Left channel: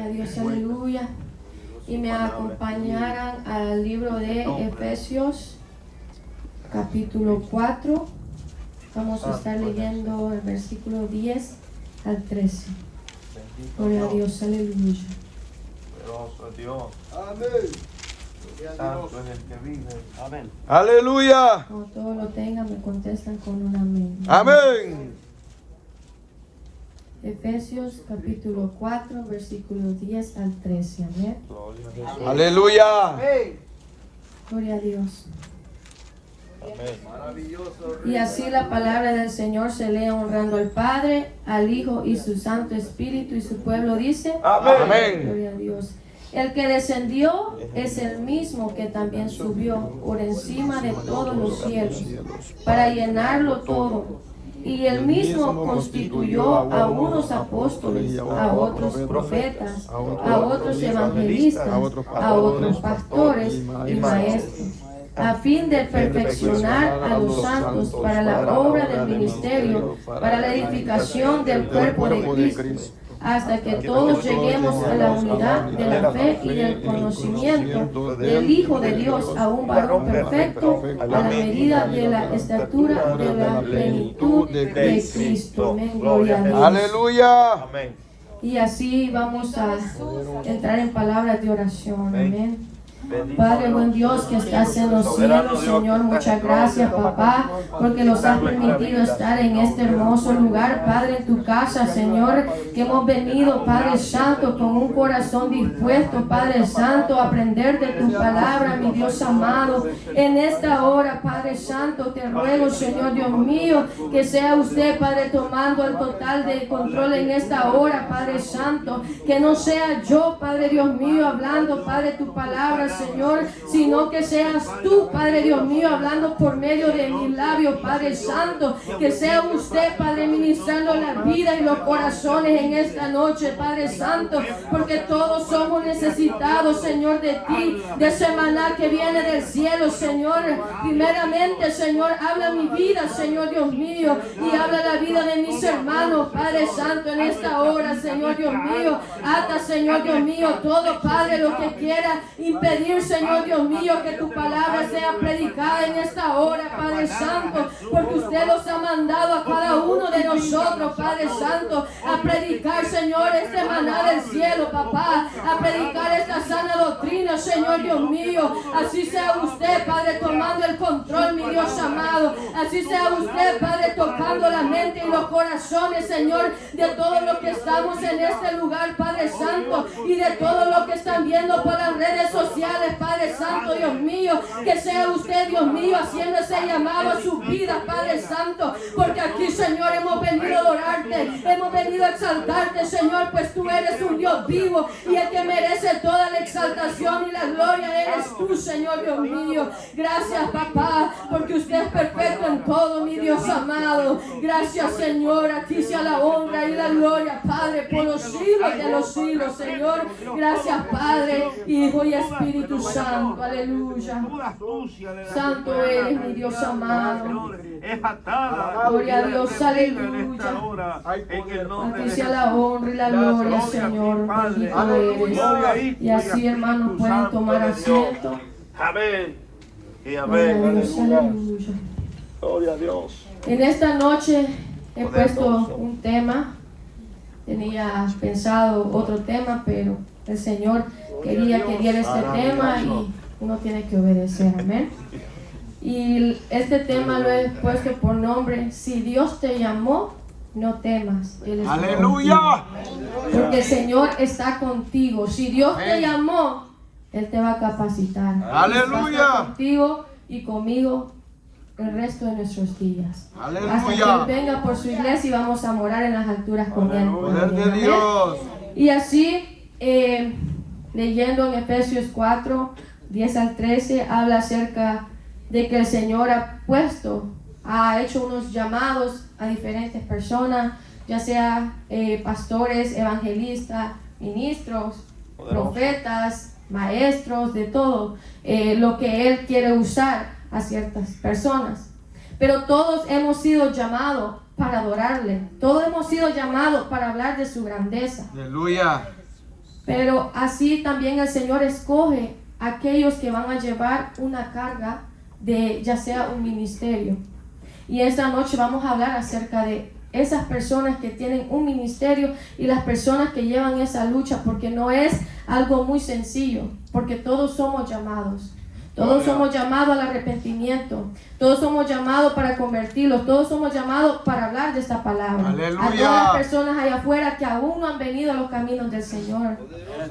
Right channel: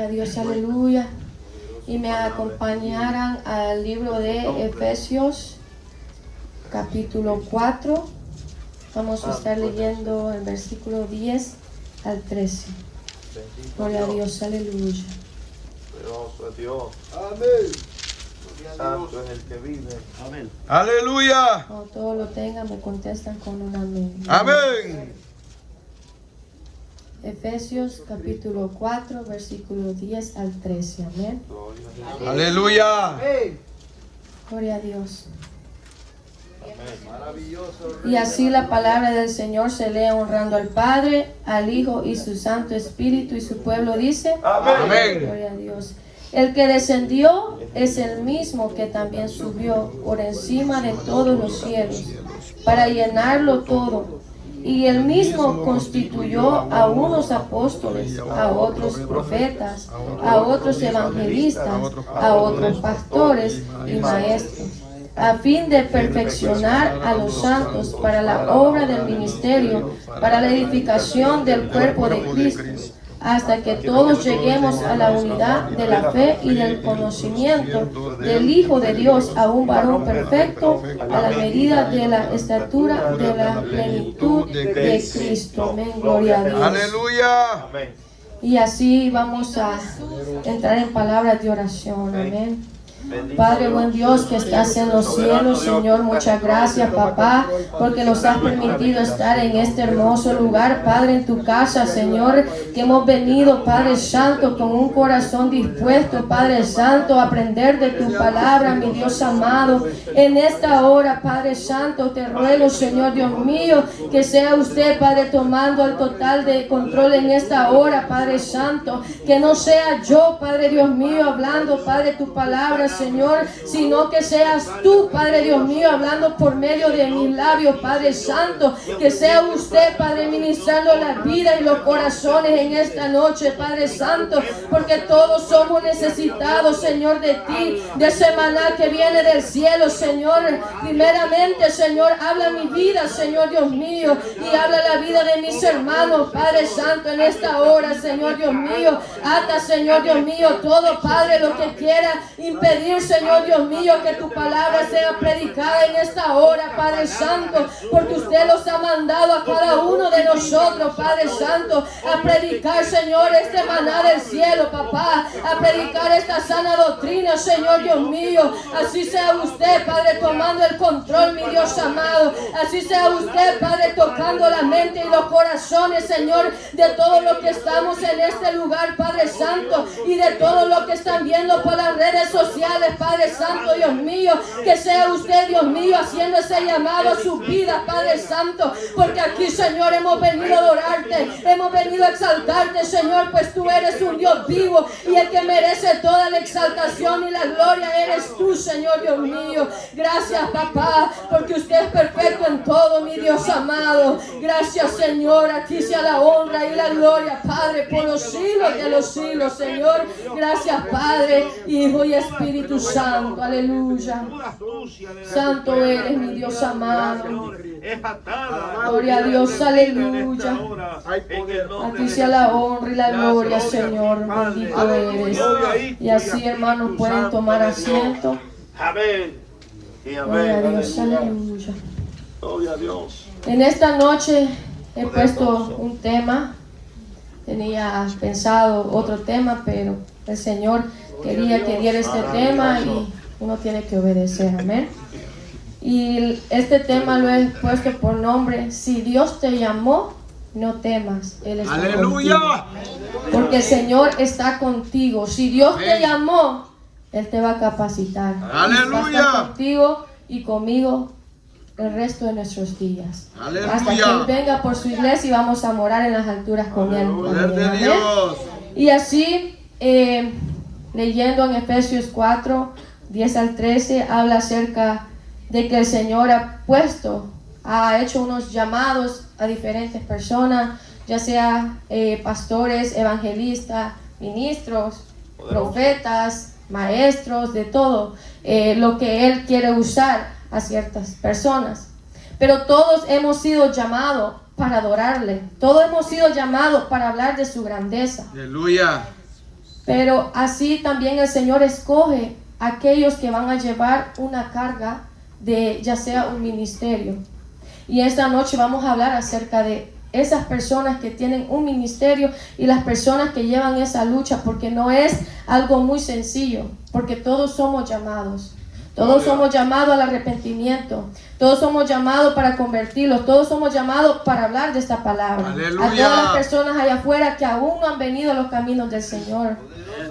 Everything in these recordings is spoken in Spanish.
Gloria a Dios, aleluya. Y me acompañarán al libro de Efesios, capítulo 4. Vamos a estar leyendo el versículo 10 al 13. Gloria a Dios, aleluya. Dios, Dios. Amén. Santo es el que vive. Amén. Aleluya. Cuando todos lo tengan, me contestan con un amén. Amén. Efesios capítulo 4, versículo 10 al 13. Amén. Aleluya. Gloria a Dios. Y así la palabra del Señor se lee honrando al Padre, al Hijo y su Santo Espíritu, y su pueblo dice: Amén. Gloria a Dios. El que descendió es el mismo que también subió por encima de todos los cielos para llenarlo todo. Y él mismo constituyó a unos apóstoles, a otros profetas, a otros evangelistas, a otros pastores y maestros, a fin de perfeccionar a los santos para la obra del ministerio, para la edificación del cuerpo de Cristo, hasta que todos lleguemos a la unidad de la fe y del conocimiento del Hijo de Dios, a un varón perfecto, a la medida de la estatura de la plenitud de Cristo. Amén, gloria a Dios. Aleluya. Y así vamos a entrar en palabras de oración. Amén. Padre, buen Dios que estás en los cielos, Señor, muchas gracias, papá, porque nos has permitido estar en este hermoso lugar, Padre, en tu casa, Señor, que hemos venido, Padre Santo, con un corazón dispuesto, Padre Santo, a aprender de tu palabra, mi Dios amado. En esta hora, Padre Santo, te ruego, Señor Dios mío, que sea usted, Padre, tomando el total de control en esta hora, Padre Santo, que no sea yo, Padre Dios mío, hablando, Padre, tu palabra, Señor, sino que seas tú, Padre Dios mío, hablando por medio de mis labios, Padre Santo, que sea usted, Padre, ministrando la vida y los corazones en esta noche, Padre Santo, porque todos somos necesitados, Señor, de ti, de ese maná que viene del cielo, Señor. Primeramente, Señor, habla mi vida, Señor Dios mío, y habla la vida de mis hermanos, Padre Santo, en esta hora, Señor Dios mío. Ata, Señor Dios mío, todo, Padre, lo que quiera impedir, Señor Dios mío, que tu palabra sea predicada en esta hora, Padre Santo, porque usted los ha mandado a cada uno de nosotros, Padre Santo, a predicar, Señor, este maná del cielo, papá, a predicar esta sana doctrina, Señor Dios mío. Así sea usted, Padre, tomando el control, mi Dios amado. Así sea usted, Padre, tocando la mente y los corazones, Señor, de todos los que estamos en este lugar, Padre Santo, y de todos los que están viendo por las redes sociales, Padre Santo, Dios mío, que sea usted, Dios mío, haciendo ese llamado a su vida, Padre Santo, porque aquí, Señor, hemos venido a adorarte, hemos venido a exaltarte, Señor, pues tú eres un Dios vivo y el que merece toda la exaltación y la gloria eres tú, Señor, Dios mío. Gracias, papá, porque usted es perfecto en todo, mi Dios amado. Gracias, Señor, aquí sea la honra y la gloria, Padre, por los siglos de los siglos, Señor. Gracias, Padre, Hijo y Espíritu Santo, aleluya. Santo eres, mi Dios amado. Gloria a Dios, aleluya. A ti sea la honra y la gloria, Señor. Bendito eres. Y así, hermanos, pueden tomar asiento. Amén. Y Gloria a amén. Dios, aleluya. Gloria a Dios. En esta noche he puesto un tema. Tenía pensado otro tema, pero el Señor quería que diera este tema y uno tiene que obedecer, amén. Y este tema lo he puesto por nombre: si Dios te llamó, no temas, Él está Aleluya. contigo. Porque el Señor está contigo. Si Dios te llamó, Él te va a capacitar. Aleluya. Va a estar contigo y conmigo el resto de nuestros días. Aleluya. Hasta que Él venga por su iglesia y vamos a morar en las alturas con Él. Poder de Amén. Dios. Y así, leyendo en Efesios 4, 10 al 13, habla acerca de que el Señor ha hecho unos llamados a diferentes personas, ya sea pastores, evangelistas, ministros, profetas, maestros, de todo lo que Él quiere usar a ciertas personas. Pero todos hemos sido llamados para adorarle, todos hemos sido llamados para hablar de su grandeza. Aleluya. Pero así también el Señor escoge a aquellos que van a llevar una carga de ya sea un ministerio. Y esta noche vamos a hablar acerca de esas personas que tienen un ministerio y las personas que llevan esa lucha, porque no es algo muy sencillo, porque todos somos llamados. Todos somos llamados al arrepentimiento. Todos somos llamados para convertirlos. Todos somos llamados para hablar de esta palabra. Aleluya. A todas las personas allá afuera que aún no han venido a los caminos del Señor.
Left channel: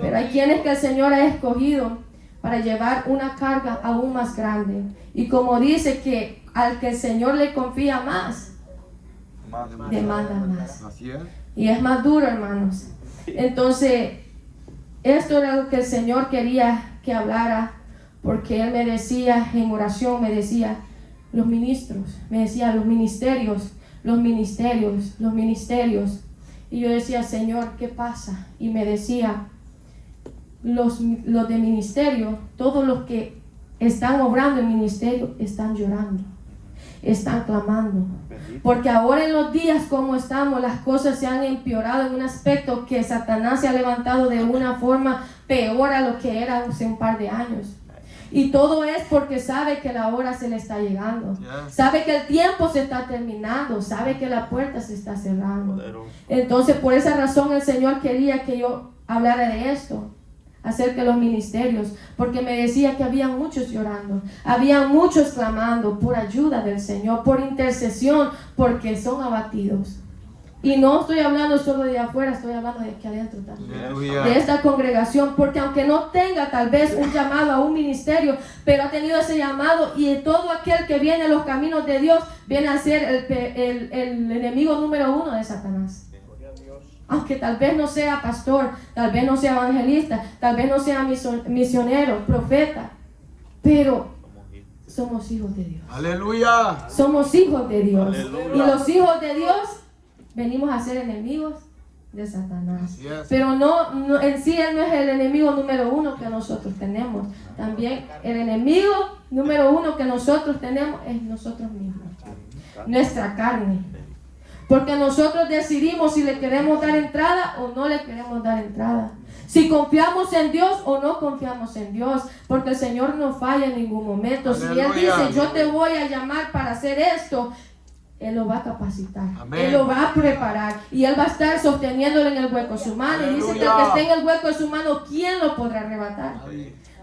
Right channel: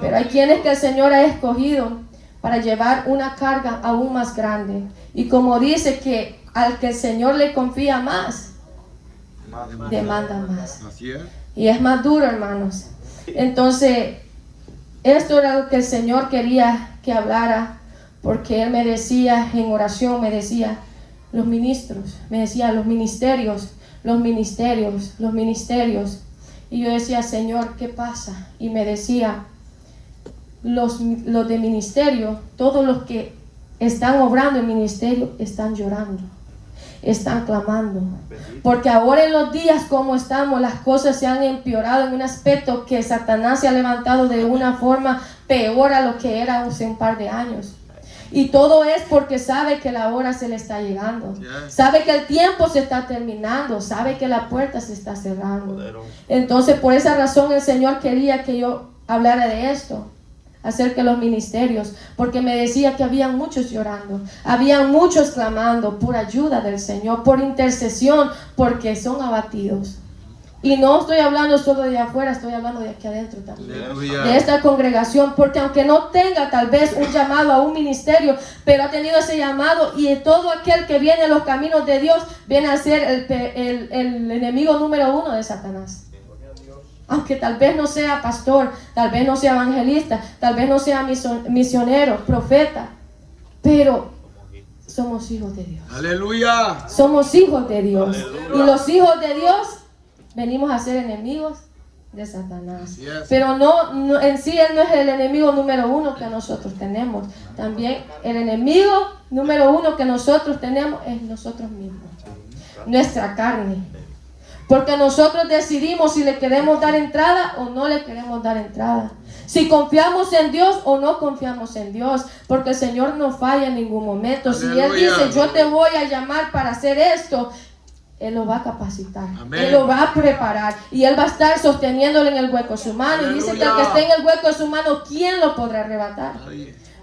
Pero hay quienes que el Señor ha escogido para llevar una carga aún más grande. Y como dice que al que el Señor le confía más, demanda más. Así es. Y es más duro, hermanos. Entonces, esto era lo que el Señor quería que hablara, porque Él me decía en oración, me decía, los ministros, me decía, los ministerios. Y yo decía, Señor, ¿qué pasa? Y me decía, los de ministerio, todos los que están obrando en ministerio, están llorando, están clamando, porque ahora en los días como estamos, las cosas se han empeorado en un aspecto que Satanás se ha levantado de una forma peor a lo que era hace un par de años. Y todo es porque sabe que la hora se le está llegando, sabe que el tiempo se está terminando, sabe que la puerta se está cerrando. Entonces por esa razón el Señor quería que yo hablara de esto, acerca de los ministerios, porque me decía que había muchos llorando, había muchos clamando por ayuda del Señor, por intercesión, porque son abatidos. Y no estoy hablando solo de afuera, estoy hablando de aquí adentro también, de esta congregación, porque aunque no tenga tal vez un llamado a un ministerio, pero ha tenido ese llamado, y todo aquel que viene a los caminos de Dios viene a ser el enemigo número uno de Satanás. Aunque tal vez no sea pastor, tal vez no sea evangelista, tal vez no sea misionero, profeta, pero somos hijos de Dios. Aleluya. Somos hijos de Dios. Y los hijos de Dios venimos a ser enemigos de Satanás. Yes. Pero no, en sí Él no es el enemigo número uno que nosotros tenemos. También el enemigo número uno que nosotros tenemos es nosotros mismos, nuestra carne. Porque nosotros decidimos si le queremos dar entrada o no le queremos dar entrada. Si confiamos en Dios o no confiamos en Dios. Porque el Señor no falla en ningún momento. Si Él dice, yo te voy a llamar para hacer esto, Él lo va a capacitar. Amén. Él lo va a preparar. Y Él va a estar sosteniéndolo en el hueco de su mano. Y dice que el que esté en el hueco de su mano, ¿quién lo podrá arrebatar?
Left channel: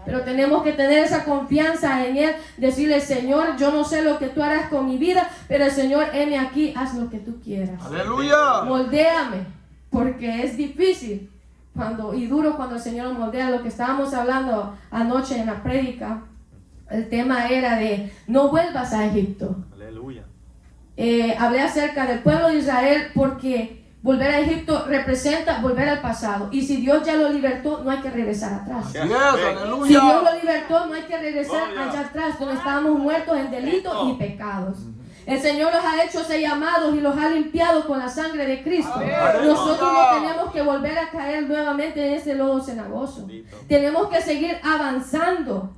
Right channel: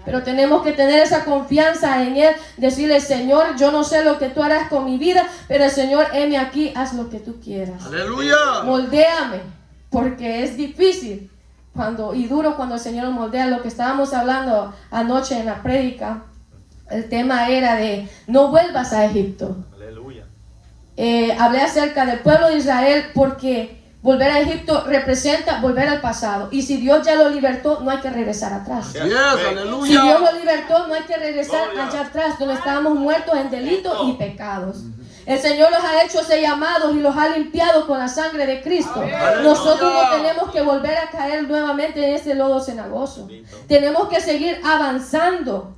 Pero tenemos que tener esa confianza en Él, decirle, Señor, yo no sé lo que tú harás con mi vida, pero Señor, heme aquí, haz lo que tú quieras. Aleluya. Moldéame, porque es difícil y duro cuando el Señor nos moldea. Lo que estábamos hablando anoche en la prédica, el tema era de no vuelvas a Egipto. Aleluya. Hablé acerca del pueblo de Israel porque volver a Egipto representa volver al pasado. Y si Dios ya lo libertó, no hay que regresar atrás. Yes, Si aleluya. Dios lo libertó, no hay que regresar allá atrás, donde estábamos muertos en delitos y pecados. El Señor los ha hecho ser llamados y los ha limpiado con la sangre de Cristo. Nosotros no tenemos que volver a caer nuevamente en ese lodo cenagoso. Tenemos que seguir avanzando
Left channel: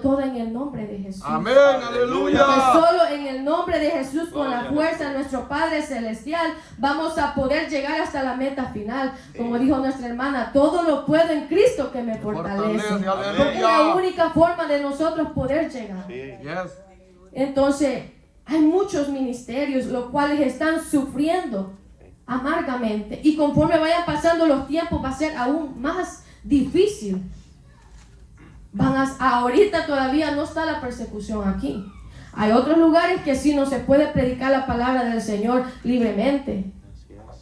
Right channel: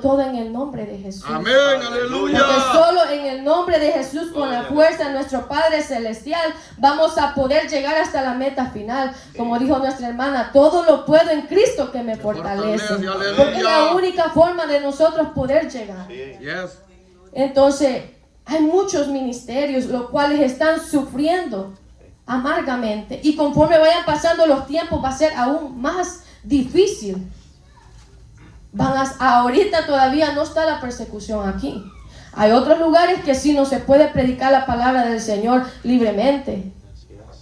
todo en el nombre de Jesús. Amén, Porque aleluya. solo en el nombre de Jesús, con la fuerza de nuestro Padre Celestial, vamos a poder llegar hasta la meta final. Como dijo nuestra hermana, todo lo puedo en Cristo que me fortalece. Aleluya. Porque es la única forma de nosotros poder llegar. Yes. Entonces, hay muchos ministerios los cuales están sufriendo amargamente. Y conforme vayan pasando los tiempos, va a ser aún más difícil. Ahorita todavía no está la persecución aquí. Hay otros lugares que sí no se puede predicar la palabra del Señor libremente.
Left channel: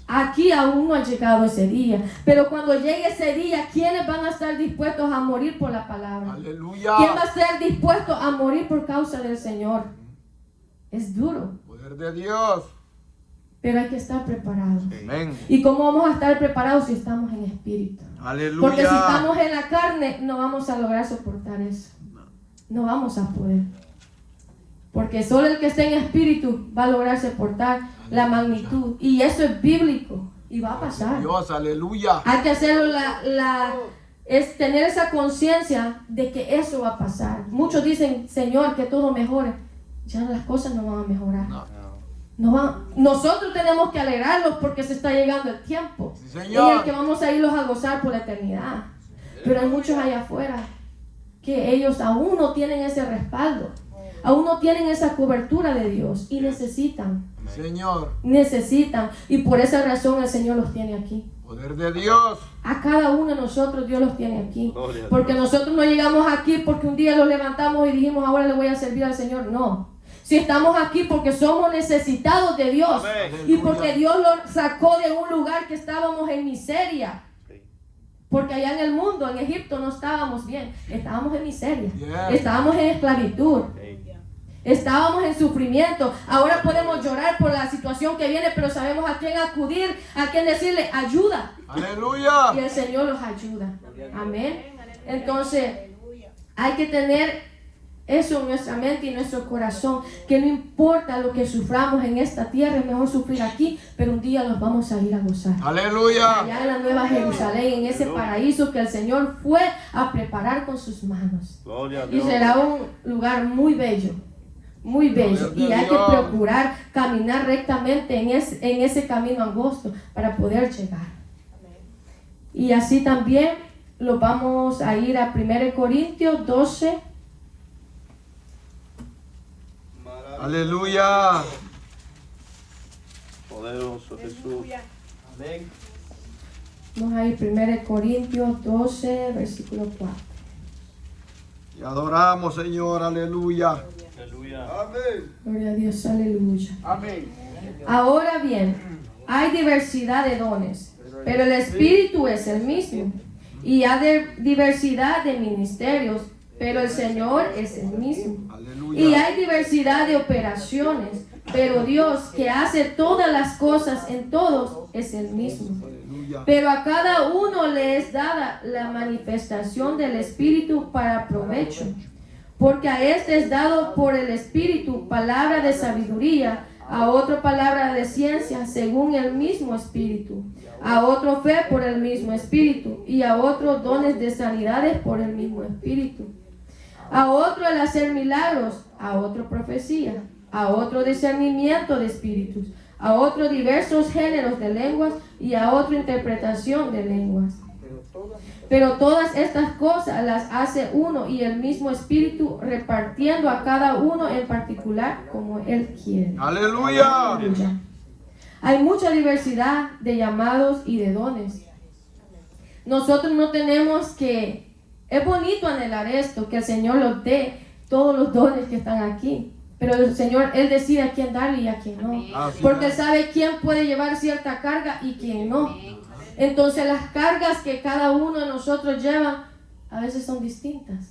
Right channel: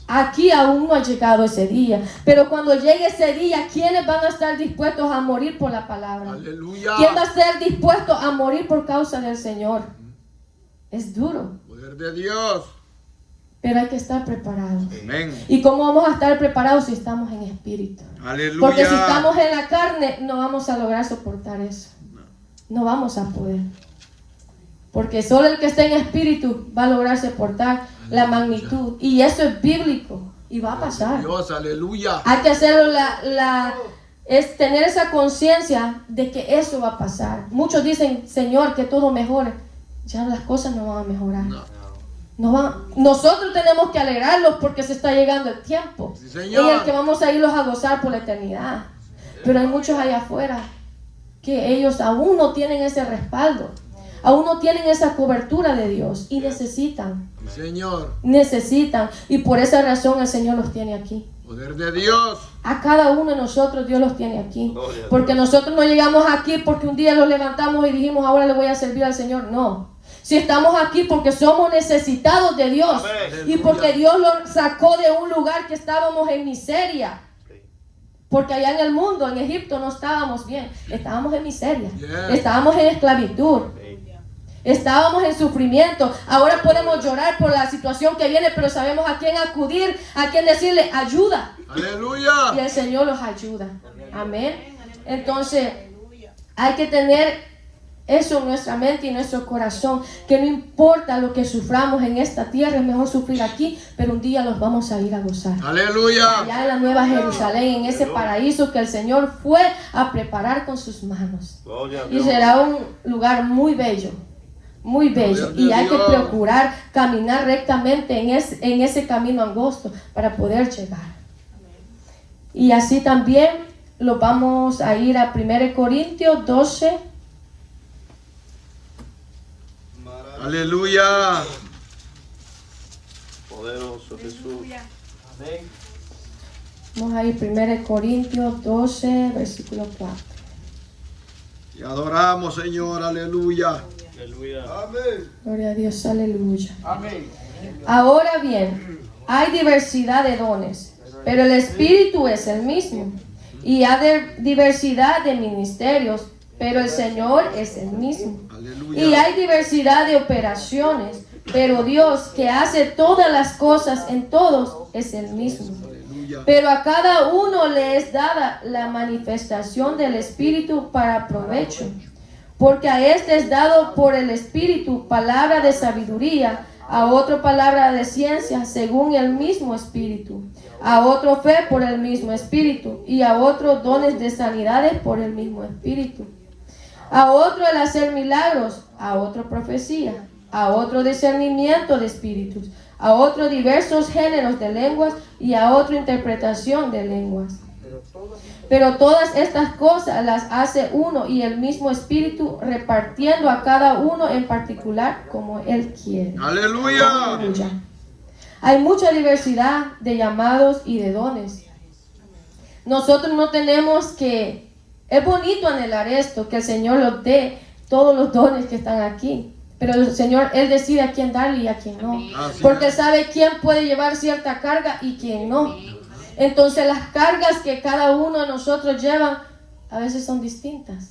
Aquí aún no ha llegado ese día. Pero cuando llegue ese día, ¿quiénes van a estar dispuestos a morir por la palabra? Aleluya. ¿Quién va a estar dispuesto a morir por causa del Señor? Es duro, Poder de Dios. pero hay que estar preparados. Amén. ¿Y cómo vamos a estar preparados si estamos en espíritu? Aleluya. Porque si estamos en la carne, no vamos a lograr soportar eso. No vamos a poder. Porque solo el que está en espíritu va a lograr soportar la magnitud. Y eso es bíblico. Y va a pasar. Dios, aleluya. Hay que hacerlo, es tener esa conciencia de que eso va a pasar. Muchos dicen, Señor, que todo mejore. Ya las cosas no van a mejorar. No. Nosotros tenemos que alegrarlos porque se está llegando el tiempo Sí, en señor. el que vamos a irlos a gozar por la eternidad. Pero hay muchos allá afuera que ellos aún no tienen ese respaldo, aún no tienen esa cobertura de Dios y necesitan. Sí, Señor. Y por esa razón el Señor los tiene aquí. Poder de Dios. A cada uno de nosotros Dios los tiene aquí. Porque nosotros no llegamos aquí porque un día los levantamos y dijimos ahora le voy a servir al Señor. No. Si estamos aquí porque somos necesitados de Dios. Y porque Dios los sacó de un lugar que estábamos en miseria. Porque allá en el mundo, en Egipto, no estábamos bien. Estábamos en miseria. Estábamos en esclavitud. Estábamos en sufrimiento. Ahora podemos llorar por la situación que viene, pero sabemos a quién acudir, a quién decirle ayuda. Aleluya. Y el Señor los ayuda. Amén. Entonces, hay que tener eso en nuestra mente y en nuestro corazón, que no importa lo que suframos en esta tierra, es mejor sufrir aquí, pero un día los vamos a ir a gozar. Aleluya. Allá en la Nueva Jerusalén, en ese paraíso que el Señor fue a preparar con sus manos. Y será un lugar muy bello. Muy bello, y hay que procurar caminar rectamente en ese camino angosto para poder llegar. Y así también lo vamos a ir a 1 Corintios 12. Aleluya. Poderoso Jesús. Amén. Vamos a ir 1 Corintios 12, versículo 4. Y adoramos, Señor. Aleluya. Amén. Gloria a Dios, aleluya. Amén. Ahora bien, hay diversidad de dones, pero el Espíritu es el mismo. Y hay diversidad de ministerios, pero el Señor es el mismo. Aleluya. Y hay diversidad de operaciones, pero Dios que hace todas las cosas en todos es el mismo. Aleluya. Pero a cada uno le es dada la manifestación del Espíritu para provecho. Porque a este es dado por el Espíritu palabra de sabiduría, a otro palabra de ciencia según el mismo Espíritu, a otro fe por el mismo Espíritu, y a otro dones de sanidades por el mismo Espíritu, a otro el hacer milagros, a otro profecía, a otro discernimiento de espíritus, a otro diversos géneros de lenguas y a otro interpretación de lenguas. Pero todas estas cosas las hace uno y el mismo Espíritu, repartiendo a cada uno en particular como Él quiere. Aleluya. Aleluya. Hay mucha diversidad de llamados y de dones. Nosotros no tenemos que... Es bonito anhelar esto, que el Señor nos dé todos los dones que están aquí. Pero el Señor, Él decide a quién darle y a quién no. Porque Él sabe quién puede llevar cierta carga y quién no. Entonces las cargas que cada uno de nosotros lleva a veces son distintas.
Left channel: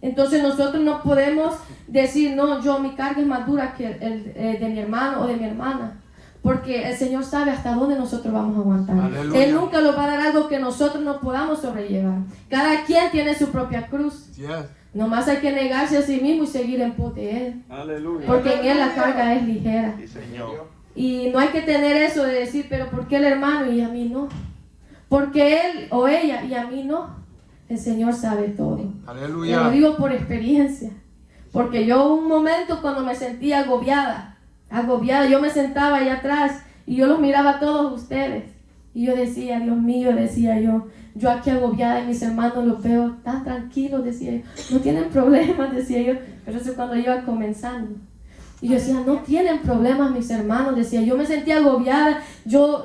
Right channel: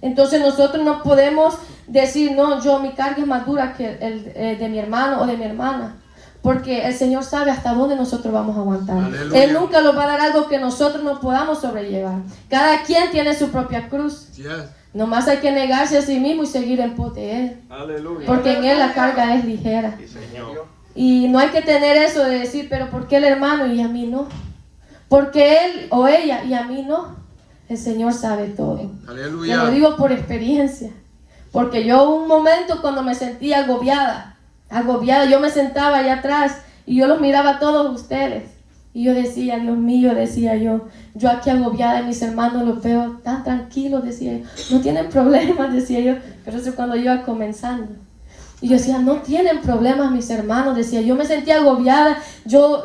Entonces nosotros no podemos decir, no, mi carga es más dura que el de mi hermano o de mi hermana. Porque el Señor sabe hasta dónde nosotros vamos a aguantar. Aleluya. Él nunca nos va a dar algo que nosotros no podamos sobrellevar. Cada quien tiene su propia cruz. Yes. Nomás hay que negarse a sí mismo y seguir en pos de Él. Aleluya. Porque en Él la carga es ligera. Sí, Señor. Y no hay que tener eso de decir, pero ¿por qué el hermano y a mí no? Porque él o ella y a mí no. El Señor sabe todo. Te Aleluya. lo digo por experiencia. Porque yo un momento cuando me sentía agobiada, yo me sentaba allá atrás y yo los miraba a todos ustedes. Y yo decía, Dios mío, decía yo aquí agobiada, mis hermanos los veo tan tranquilos, decía yo. No tienen problemas, decía yo. Pero eso cuando yo iba comenzando. Y yo decía, no tienen problemas mis hermanos, decía, yo me sentía agobiada, yo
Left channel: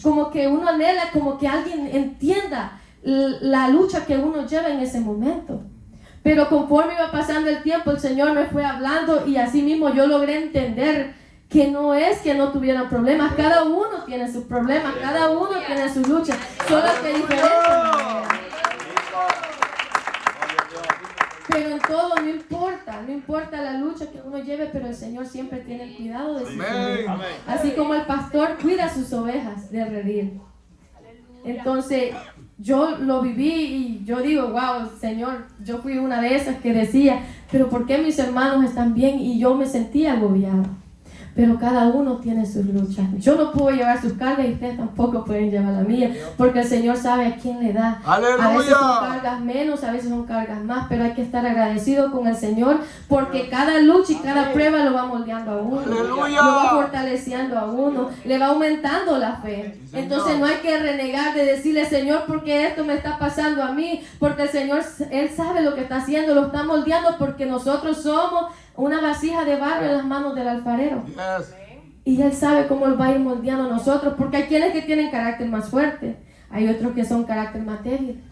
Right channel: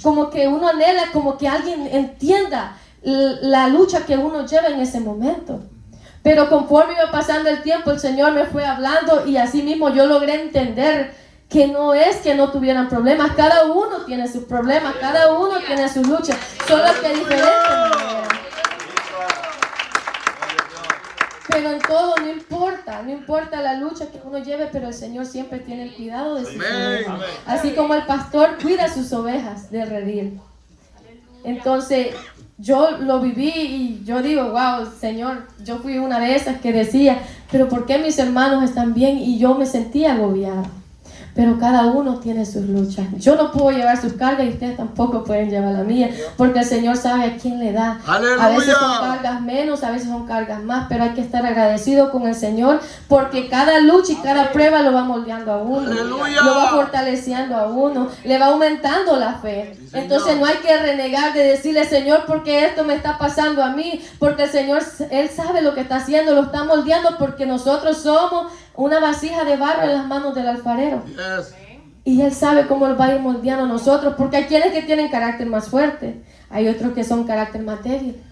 como que uno anhela, como que alguien entienda la lucha que uno lleva en ese momento. Pero conforme iba pasando el tiempo, el Señor me fue hablando y así mismo yo logré entender que no es que no tuvieran problemas, cada uno tiene sus problemas, cada uno tiene su lucha, solo que diferentes maneras. Pero en todo no importa la lucha que uno lleve, pero el Señor siempre tiene el cuidado de sus ovejas. Así como el pastor cuida sus ovejas de redil. Entonces, yo lo viví y yo digo, wow, Señor, yo fui una de esas que decía, pero ¿por qué mis hermanos están bien y yo me sentía agobiada? Pero cada uno tiene sus luchas. Yo no puedo llevar sus cargas y ustedes tampoco pueden llevar la mía, porque el Señor sabe a quién le da. ¡Aleluya! A veces son cargas menos, a veces son cargas más, pero hay que estar agradecido con el Señor, porque cada lucha y cada prueba lo va moldeando a uno. ¡Aleluya! Lo va fortaleciendo a uno, le va aumentando la fe. Sí, Señor. Entonces no hay que renegar de decirle, Señor, porque esto me está pasando a mí, porque el Señor, Él sabe lo que está haciendo, lo está moldeando, porque nosotros somos una vasija de barro en las manos del alfarero. Yes. Y Él sabe cómo Él va a ir moldeando a nosotros, porque hay quienes que tienen carácter más fuerte, hay otros que son carácter más débil.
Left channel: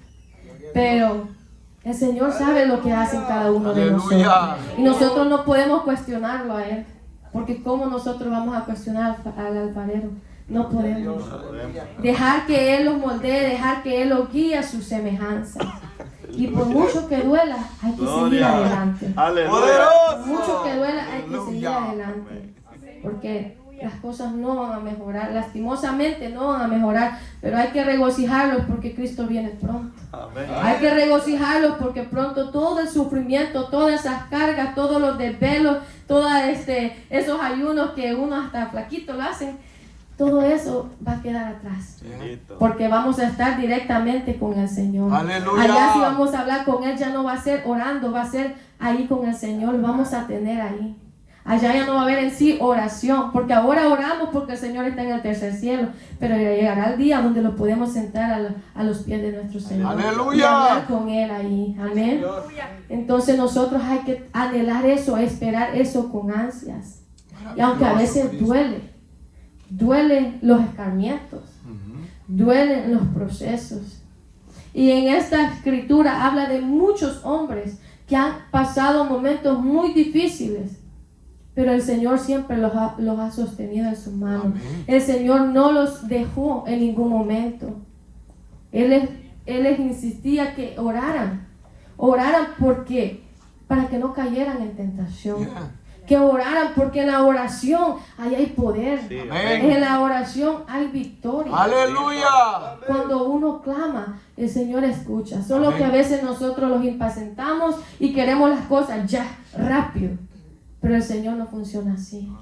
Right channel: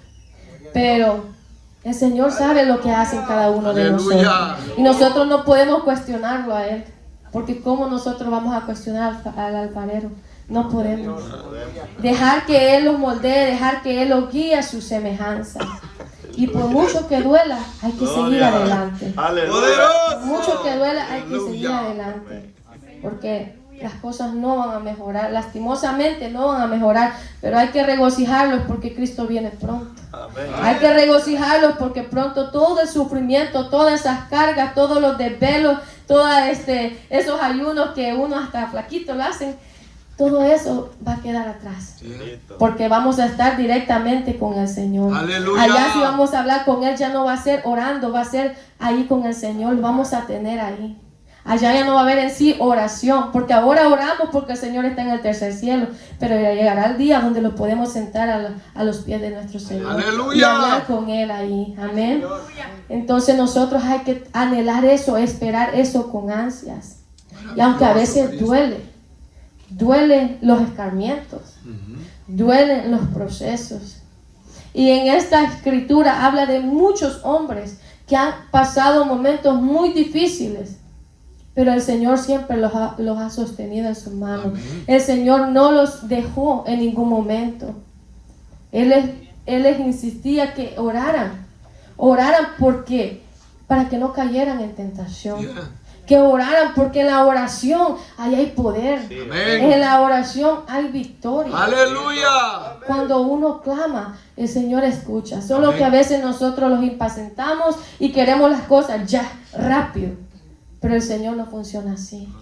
Pero el Señor sabe lo que hacen cada uno de Aleluya. nosotros. Y nosotros no podemos cuestionarlo a Él, porque ¿cómo nosotros vamos a cuestionar al alfarero? No podemos. Dejar que Él los moldee, dejar que Él los guíe a su semejanza. Y por mucho que duela, hay que seguir adelante. Aleluya. ¡Poderoso! Por mucho que duela, hay que seguir Aleluya. adelante. Porque las cosas no van a mejorar, lastimosamente no van a mejorar, pero hay que regocijarlos porque Cristo viene pronto. Amén. Hay que regocijarlos porque pronto todo el sufrimiento, todas esas cargas, todos los desvelos, todos esos ayunos que uno hasta flaquito lo hacen, todo eso va a quedar atrás. Listo. Porque vamos a estar directamente con el Señor. Aleluya. Allá si vamos a hablar con Él, ya no va a ser orando, va a ser ahí con el Señor, lo vamos a tener ahí. Allá ya no va a haber en sí oración, porque ahora oramos porque el Señor está en el tercer cielo, pero ya llegará el día donde lo podemos sentar a los pies de nuestro Señor. Aleluya. Y hablar con Él ahí, amén. Entonces nosotros hay que anhelar eso, esperar eso con ansias. Y aunque a veces duelen los escarmientos, duelen los procesos. Y en esta escritura habla de muchos hombres que han pasado momentos muy difíciles, pero el Señor siempre los ha sostenido en sus manos. Amén. El Señor no los dejó en ningún momento. Él les insistía que oraran porque para que no cayeran en tentación. Yeah. Que oraran porque en la oración ahí hay poder. Sí. Amén. En la oración hay victoria. Aleluya. Cuando uno clama, el Señor escucha. Solo Amén. que a veces nosotros los impacientamos y queremos las cosas ya, rápido. Pero el Señor no funciona así.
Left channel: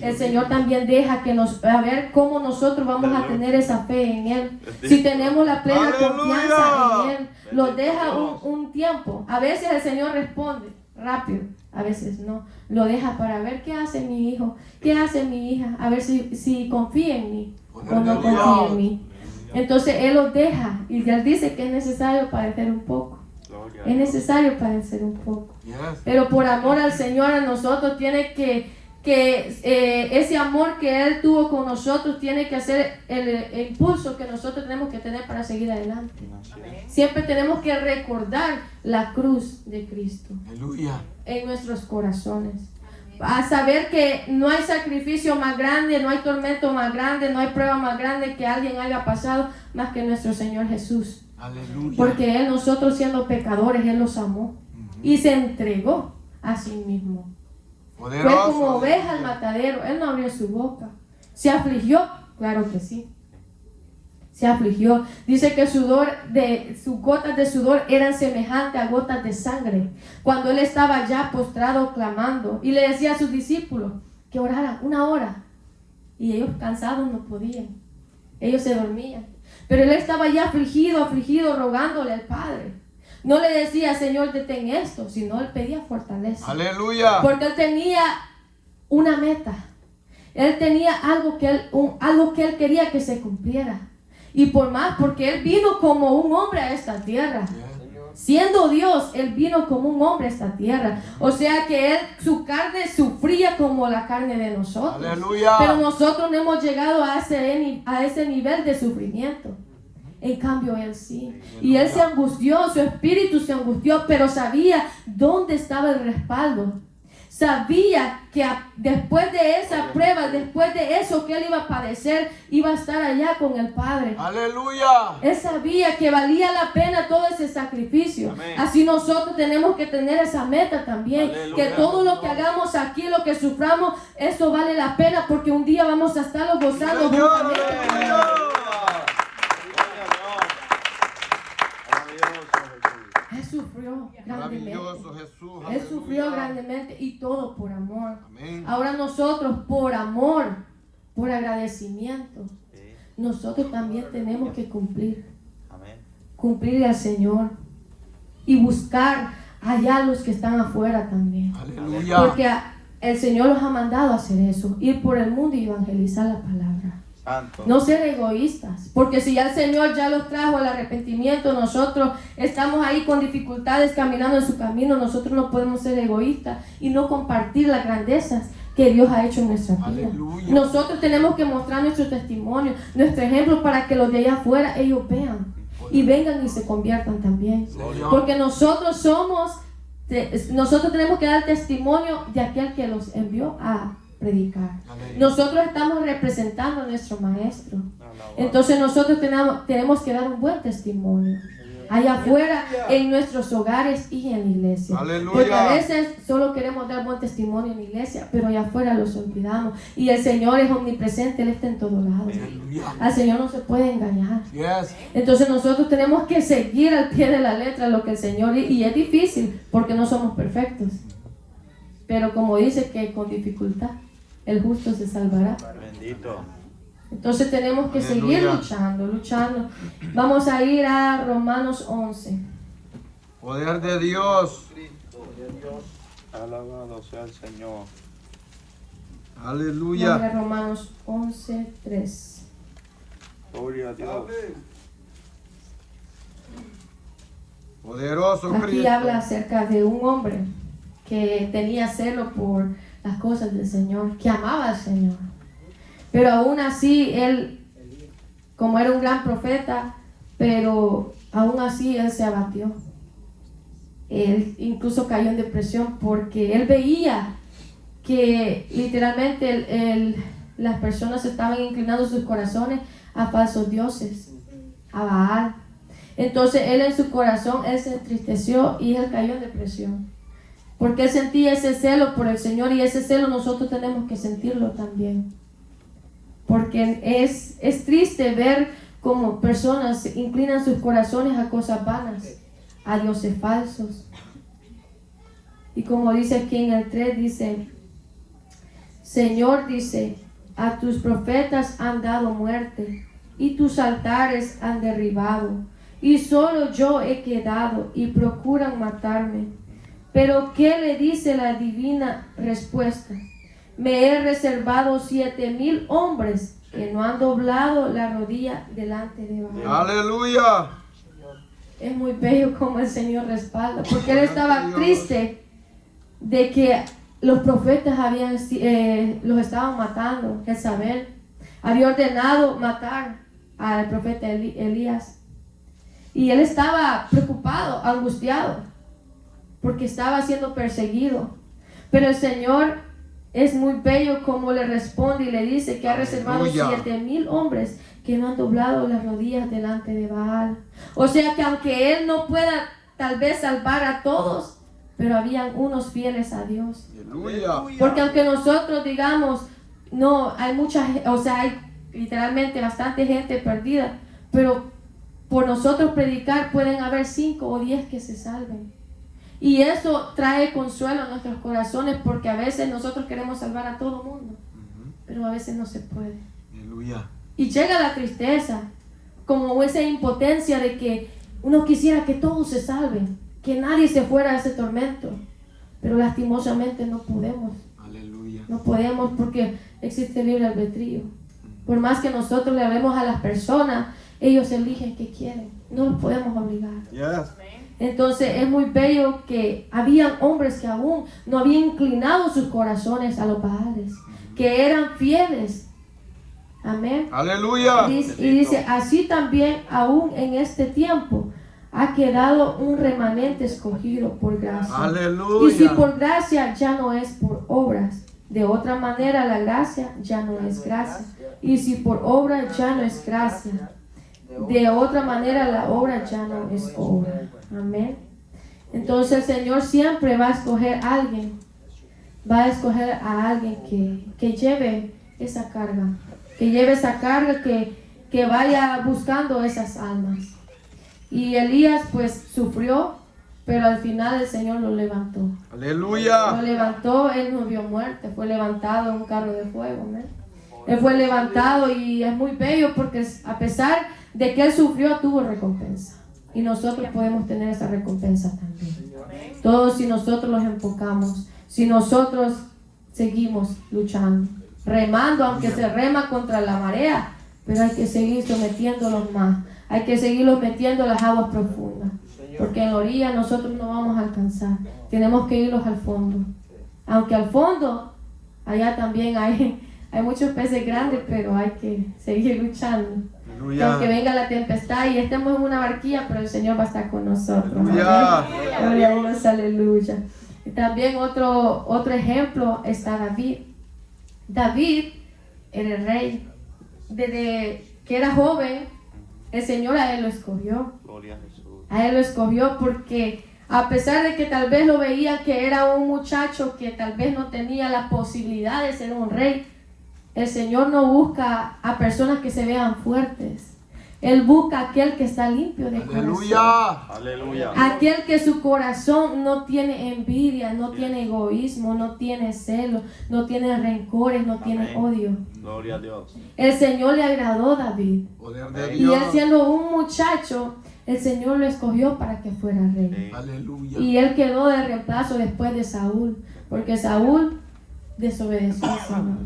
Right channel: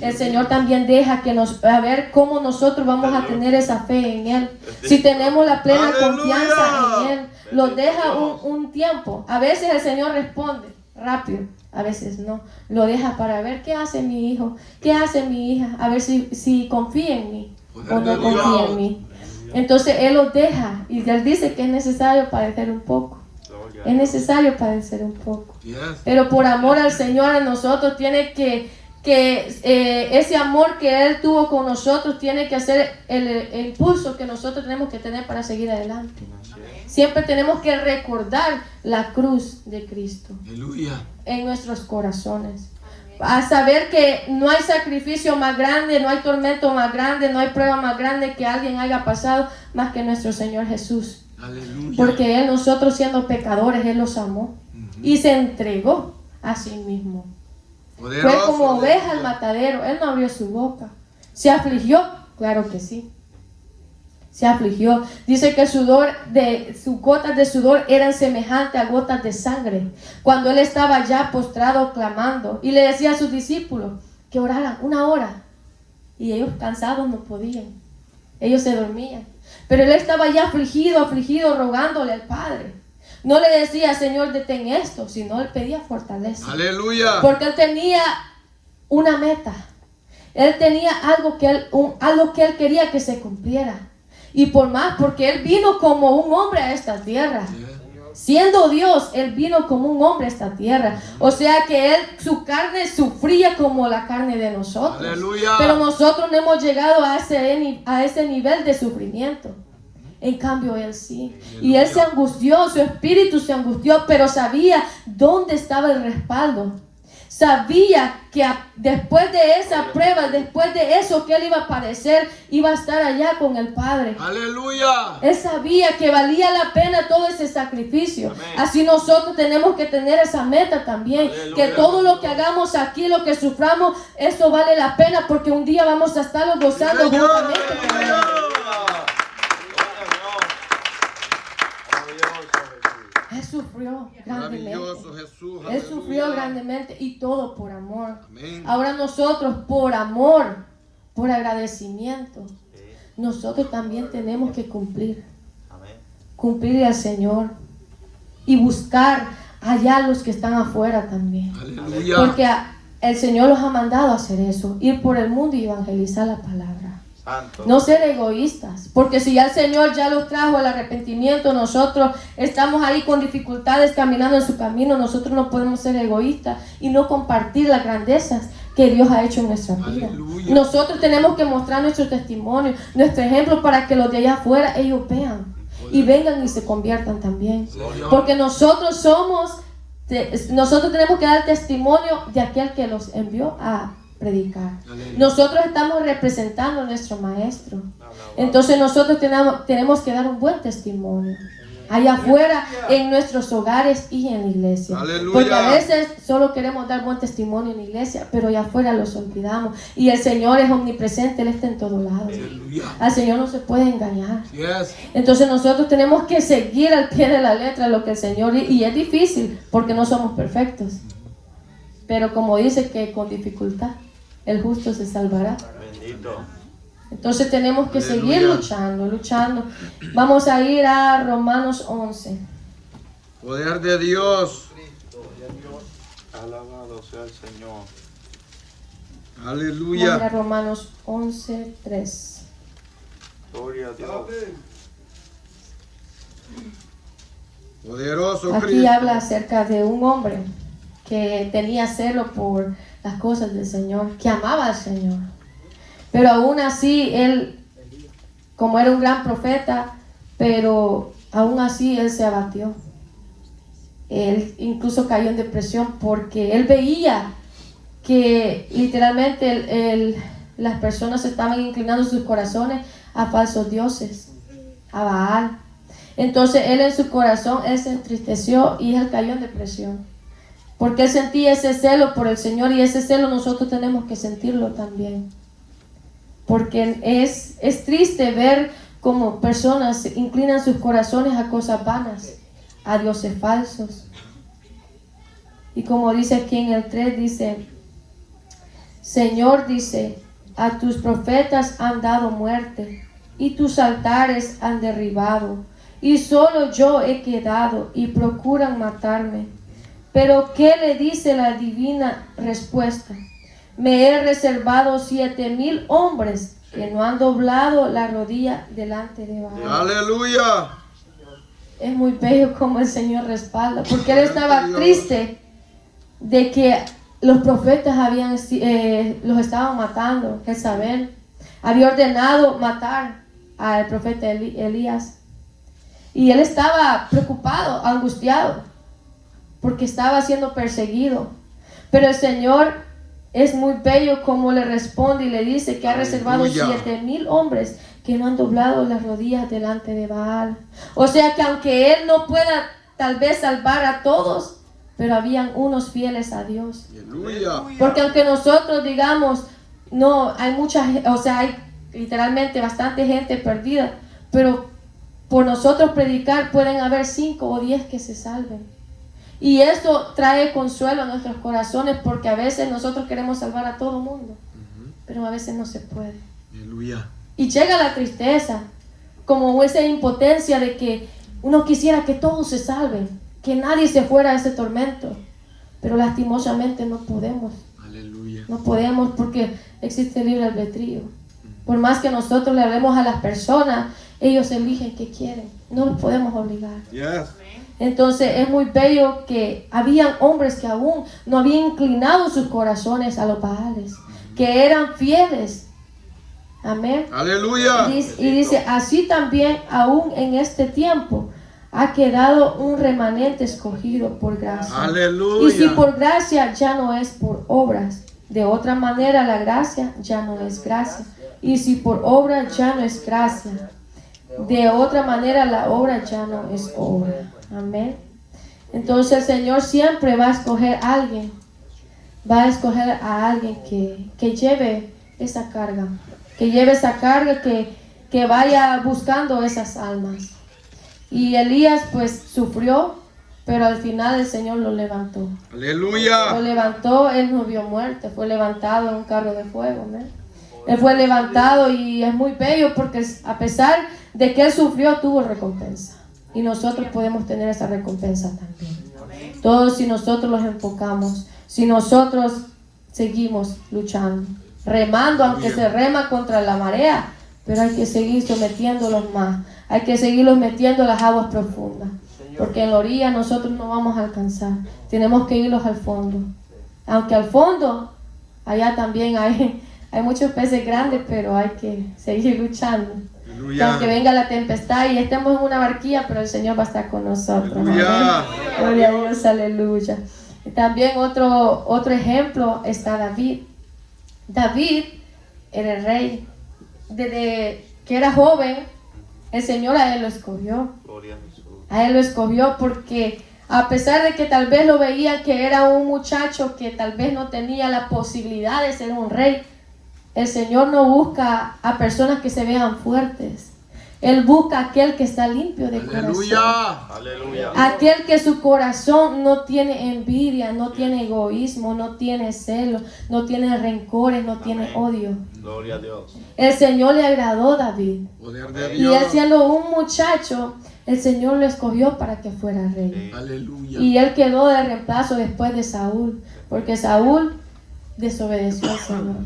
El Señor también deja a ver cómo nosotros vamos a tener esa fe en Él. Si tenemos la plena Aleluya. confianza en Él, lo deja un tiempo. A veces el Señor responde rápido, a veces no. Lo deja para ver qué hace mi hijo, qué hace mi hija, a ver si confía en mí o no confía en mí. Entonces Él los deja y Él dice que es necesario padecer un poco. Gloria a Es Dios. necesario padecer un poco. Yes. Pero por amor al Señor a nosotros tiene que ese amor que Él tuvo con nosotros tiene que ser el impulso que nosotros tenemos que tener para seguir adelante. Siempre tenemos que recordar la cruz de Cristo Aleluya. en nuestros corazones. A saber que no hay sacrificio más grande, no hay tormento más grande, no hay prueba más grande que alguien haya pasado más que nuestro Señor Jesús. Aleluya. Porque Él, nosotros siendo pecadores, Él los amó y se entregó a sí mismo. Fue Poderoso. como oveja al matadero. Él no abrió su boca. ¿Se afligió? Claro que sí. Se afligió. Dice que sus gotas de sudor eran semejantes a gotas de sangre. Cuando Él estaba ya postrado clamando y le decía a sus discípulos que oraran 1 hora. Y ellos cansados no podían. Ellos se dormían. Pero Él estaba ya afligido, rogándole al Padre. No le decía, Señor, detén esto, sino Él pedía fortaleza. Aleluya. Porque Él tenía una meta. Él tenía algo que Él quería que se cumpliera. Y porque Él vino como un hombre a esta tierra. Siendo Dios, Él vino como un hombre a esta tierra. O sea que su carne sufría como la carne de nosotros. Aleluya. Pero nosotros no hemos llegado a ese nivel de sufrimiento. En cambio, Él sí. Y Él se angustió, su espíritu se angustió, pero sabía dónde estaba el respaldo. Sabía que después de esa prueba, después de eso que Él iba a padecer, iba a estar allá con el Padre. Aleluya. Él sabía que valía la pena todo ese sacrificio. Amén. Así nosotros tenemos que tener esa meta también. Aleluya. Que todo lo que hagamos aquí, lo que suframos, eso vale la pena porque un día vamos a estar gozando Señor, juntamente con Él. aleluya. Él sufrió. sufrió grandemente. Maravilloso Jesús. Él Aleluya. sufrió grandemente y todo por amor. Amén. Ahora nosotros por amor, por agradecimiento, nosotros también tenemos que cumplir. Cumplirle al Señor y buscar allá a los que están afuera también. Aleluya. Porque el Señor los ha mandado a hacer eso, ir por el mundo y evangelizar la palabra. Santo. No ser egoístas, porque si ya el Señor ya los trajo al arrepentimiento, nosotros estamos ahí con dificultades caminando en su camino, nosotros no podemos ser egoístas y no compartir las grandezas que Dios ha hecho en nuestra vida. Aleluya. Nosotros tenemos que mostrar nuestro testimonio, nuestro ejemplo para que los de allá afuera ellos vean y vengan y se conviertan también. Señor. Porque nosotros tenemos que dar testimonio de aquel que los envió a predicar. Aleluya. Nosotros estamos representando a nuestro maestro. Entonces nosotros tenemos que dar un buen testimonio allá afuera, en nuestros hogares y en la iglesia. Aleluya. Porque a veces solo queremos dar buen testimonio en la iglesia, pero allá afuera los olvidamos. Y el Señor es omnipresente, Él está en todos lados. Aleluya. Al Señor no se puede engañar. Yes. Entonces nosotros tenemos que seguir al pie de la letra lo que el Señor, y es difícil porque no somos perfectos. Pero como dice que con dificultad el justo se salvará. Bendito. Entonces tenemos que Aleluya. seguir luchando. Vamos a ir a Romanos 11. Poder de Dios. Alabado sea el Señor. Vamos a ir a Aleluya. Romanos 11, 3. Gloria a Dios. Poderoso Aquí Cristo. habla acerca de un hombre que tenía celo por las cosas del Señor, que amaba al Señor. Pero aún así, él, como era un gran profeta, pero aún así él se abatió. Él incluso cayó en depresión porque él veía que literalmente las personas estaban inclinando sus corazones a falsos dioses, a Baal. Entonces él en su corazón, él se entristeció y él cayó en depresión. Porque él sentía ese celo por el Señor, y ese celo nosotros tenemos que sentirlo también. Porque es triste ver cómo personas inclinan sus corazones a cosas vanas, a dioses falsos. Y como dice aquí en el 3, dice, Señor, dice, a tus profetas han dado muerte, y tus altares han derribado, y solo yo he quedado, y procuran matarme. Pero ¿qué le dice la divina respuesta? Me he reservado 7,000 hombres que no han doblado la rodilla delante de Baal. Aleluya. Es muy bello como el Señor respalda, porque él estaba triste de que los profetas los estaban matando. Jezabel había ordenado matar al profeta Elías, y él estaba preocupado, angustiado, porque estaba siendo perseguido. Pero el Señor es muy bello como le responde y le dice que ha reservado Aleluya. 7,000 hombres que no han doblado las rodillas delante de Baal. O sea que aunque él no pueda tal vez salvar a todos, pero habían unos fieles a Dios. Aleluya. Porque aunque nosotros digamos, no, hay hay literalmente bastante gente perdida, pero por nosotros predicar pueden haber 5 o 10 que se salven. Y eso trae consuelo a nuestros corazones, porque a veces nosotros queremos salvar a todo el mundo, pero a veces no se puede. Aleluya. Y llega la tristeza, como esa impotencia de que uno quisiera que todos se salven, que nadie se fuera a ese tormento, pero lastimosamente no podemos. Aleluya. No podemos, porque existe libre albedrío. Por más que nosotros le hablemos a las personas, ellos eligen qué quieren. No los podemos obligar. Yes. Entonces es muy bello que habían hombres que aún no habían inclinado sus corazones a los Baales, que eran fieles. Amén. Aleluya. Y dice, así también aún en este tiempo ha quedado un remanente escogido por gracia. Aleluya. Y si por gracia, ya no es por obras. De otra manera, la gracia ya no es gracia. Y si por obra, ya no es gracia. De otra manera, la obra ya no es obra. Amén. Entonces el Señor siempre va a escoger a alguien. Va a escoger a alguien que lleve esa carga. Que lleve esa carga, que vaya buscando esas almas. Y Elías pues sufrió pero al final el Señor lo levantó. Aleluya. Lo levantó, él no vio muerte, fue levantado en un carro de fuego, ¿no? Él fue levantado y es muy bello porque a pesar de que él sufrió, tuvo recompensa. Y nosotros podemos tener esa recompensa también. Todos si nosotros los enfocamos, si nosotros seguimos luchando, remando, aunque se rema contra la marea, pero hay que seguir sometiéndolos más. Hay que seguirlos metiendo a las aguas profundas. Porque en la orilla nosotros no vamos a alcanzar. Tenemos que irlos al fondo. Aunque al fondo, allá también hay muchos peces grandes, pero hay que seguir luchando. Que aunque venga la tempestad y estemos en una barquilla, pero el Señor va a estar con nosotros. Aleluya. Gloria a Dios, aleluya. Y también otro ejemplo está David. David era el rey. Desde que era joven, el Señor a él lo escogió. Gloria a Jesús. A él lo escogió porque a pesar de que tal vez lo veían que era un muchacho que tal vez no tenía la posibilidad de ser un rey, el Señor no busca a personas que se vean fuertes. Él busca a aquel que está limpio de corazón. Aleluya. Aleluya. Aquel que su corazón no tiene envidia, no tiene egoísmo, no tiene celo, no tiene rencores, no tiene odio. Gloria a Dios. El Señor le agradó a David. Poder de Y él Dios. siendo un muchacho, el Señor lo escogió para que fuera rey. Aleluya. Y él quedó de reemplazo después de Saúl, porque Saúl desobedeció al Señor.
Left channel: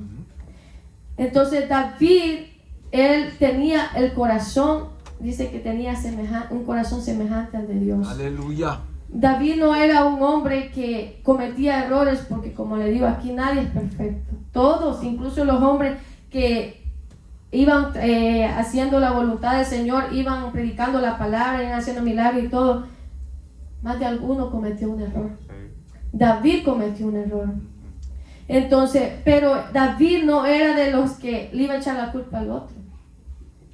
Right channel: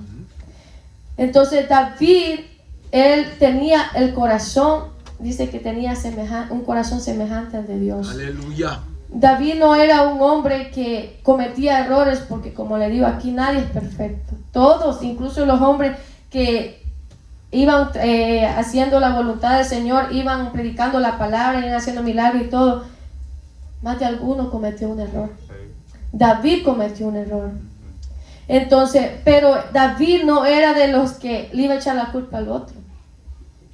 Entonces David, él tenía el corazón, dice que tenía un corazón semejante al de Dios. Aleluya. David no era un hombre que cometía errores, porque como le digo, aquí nadie es perfecto. Todos, incluso los hombres que iban haciendo la voluntad del Señor, iban predicando la palabra, iban haciendo milagros y todo, más de alguno cometió un error. David cometió un error. Entonces, pero David no era de los que le iba a echar la culpa al otro.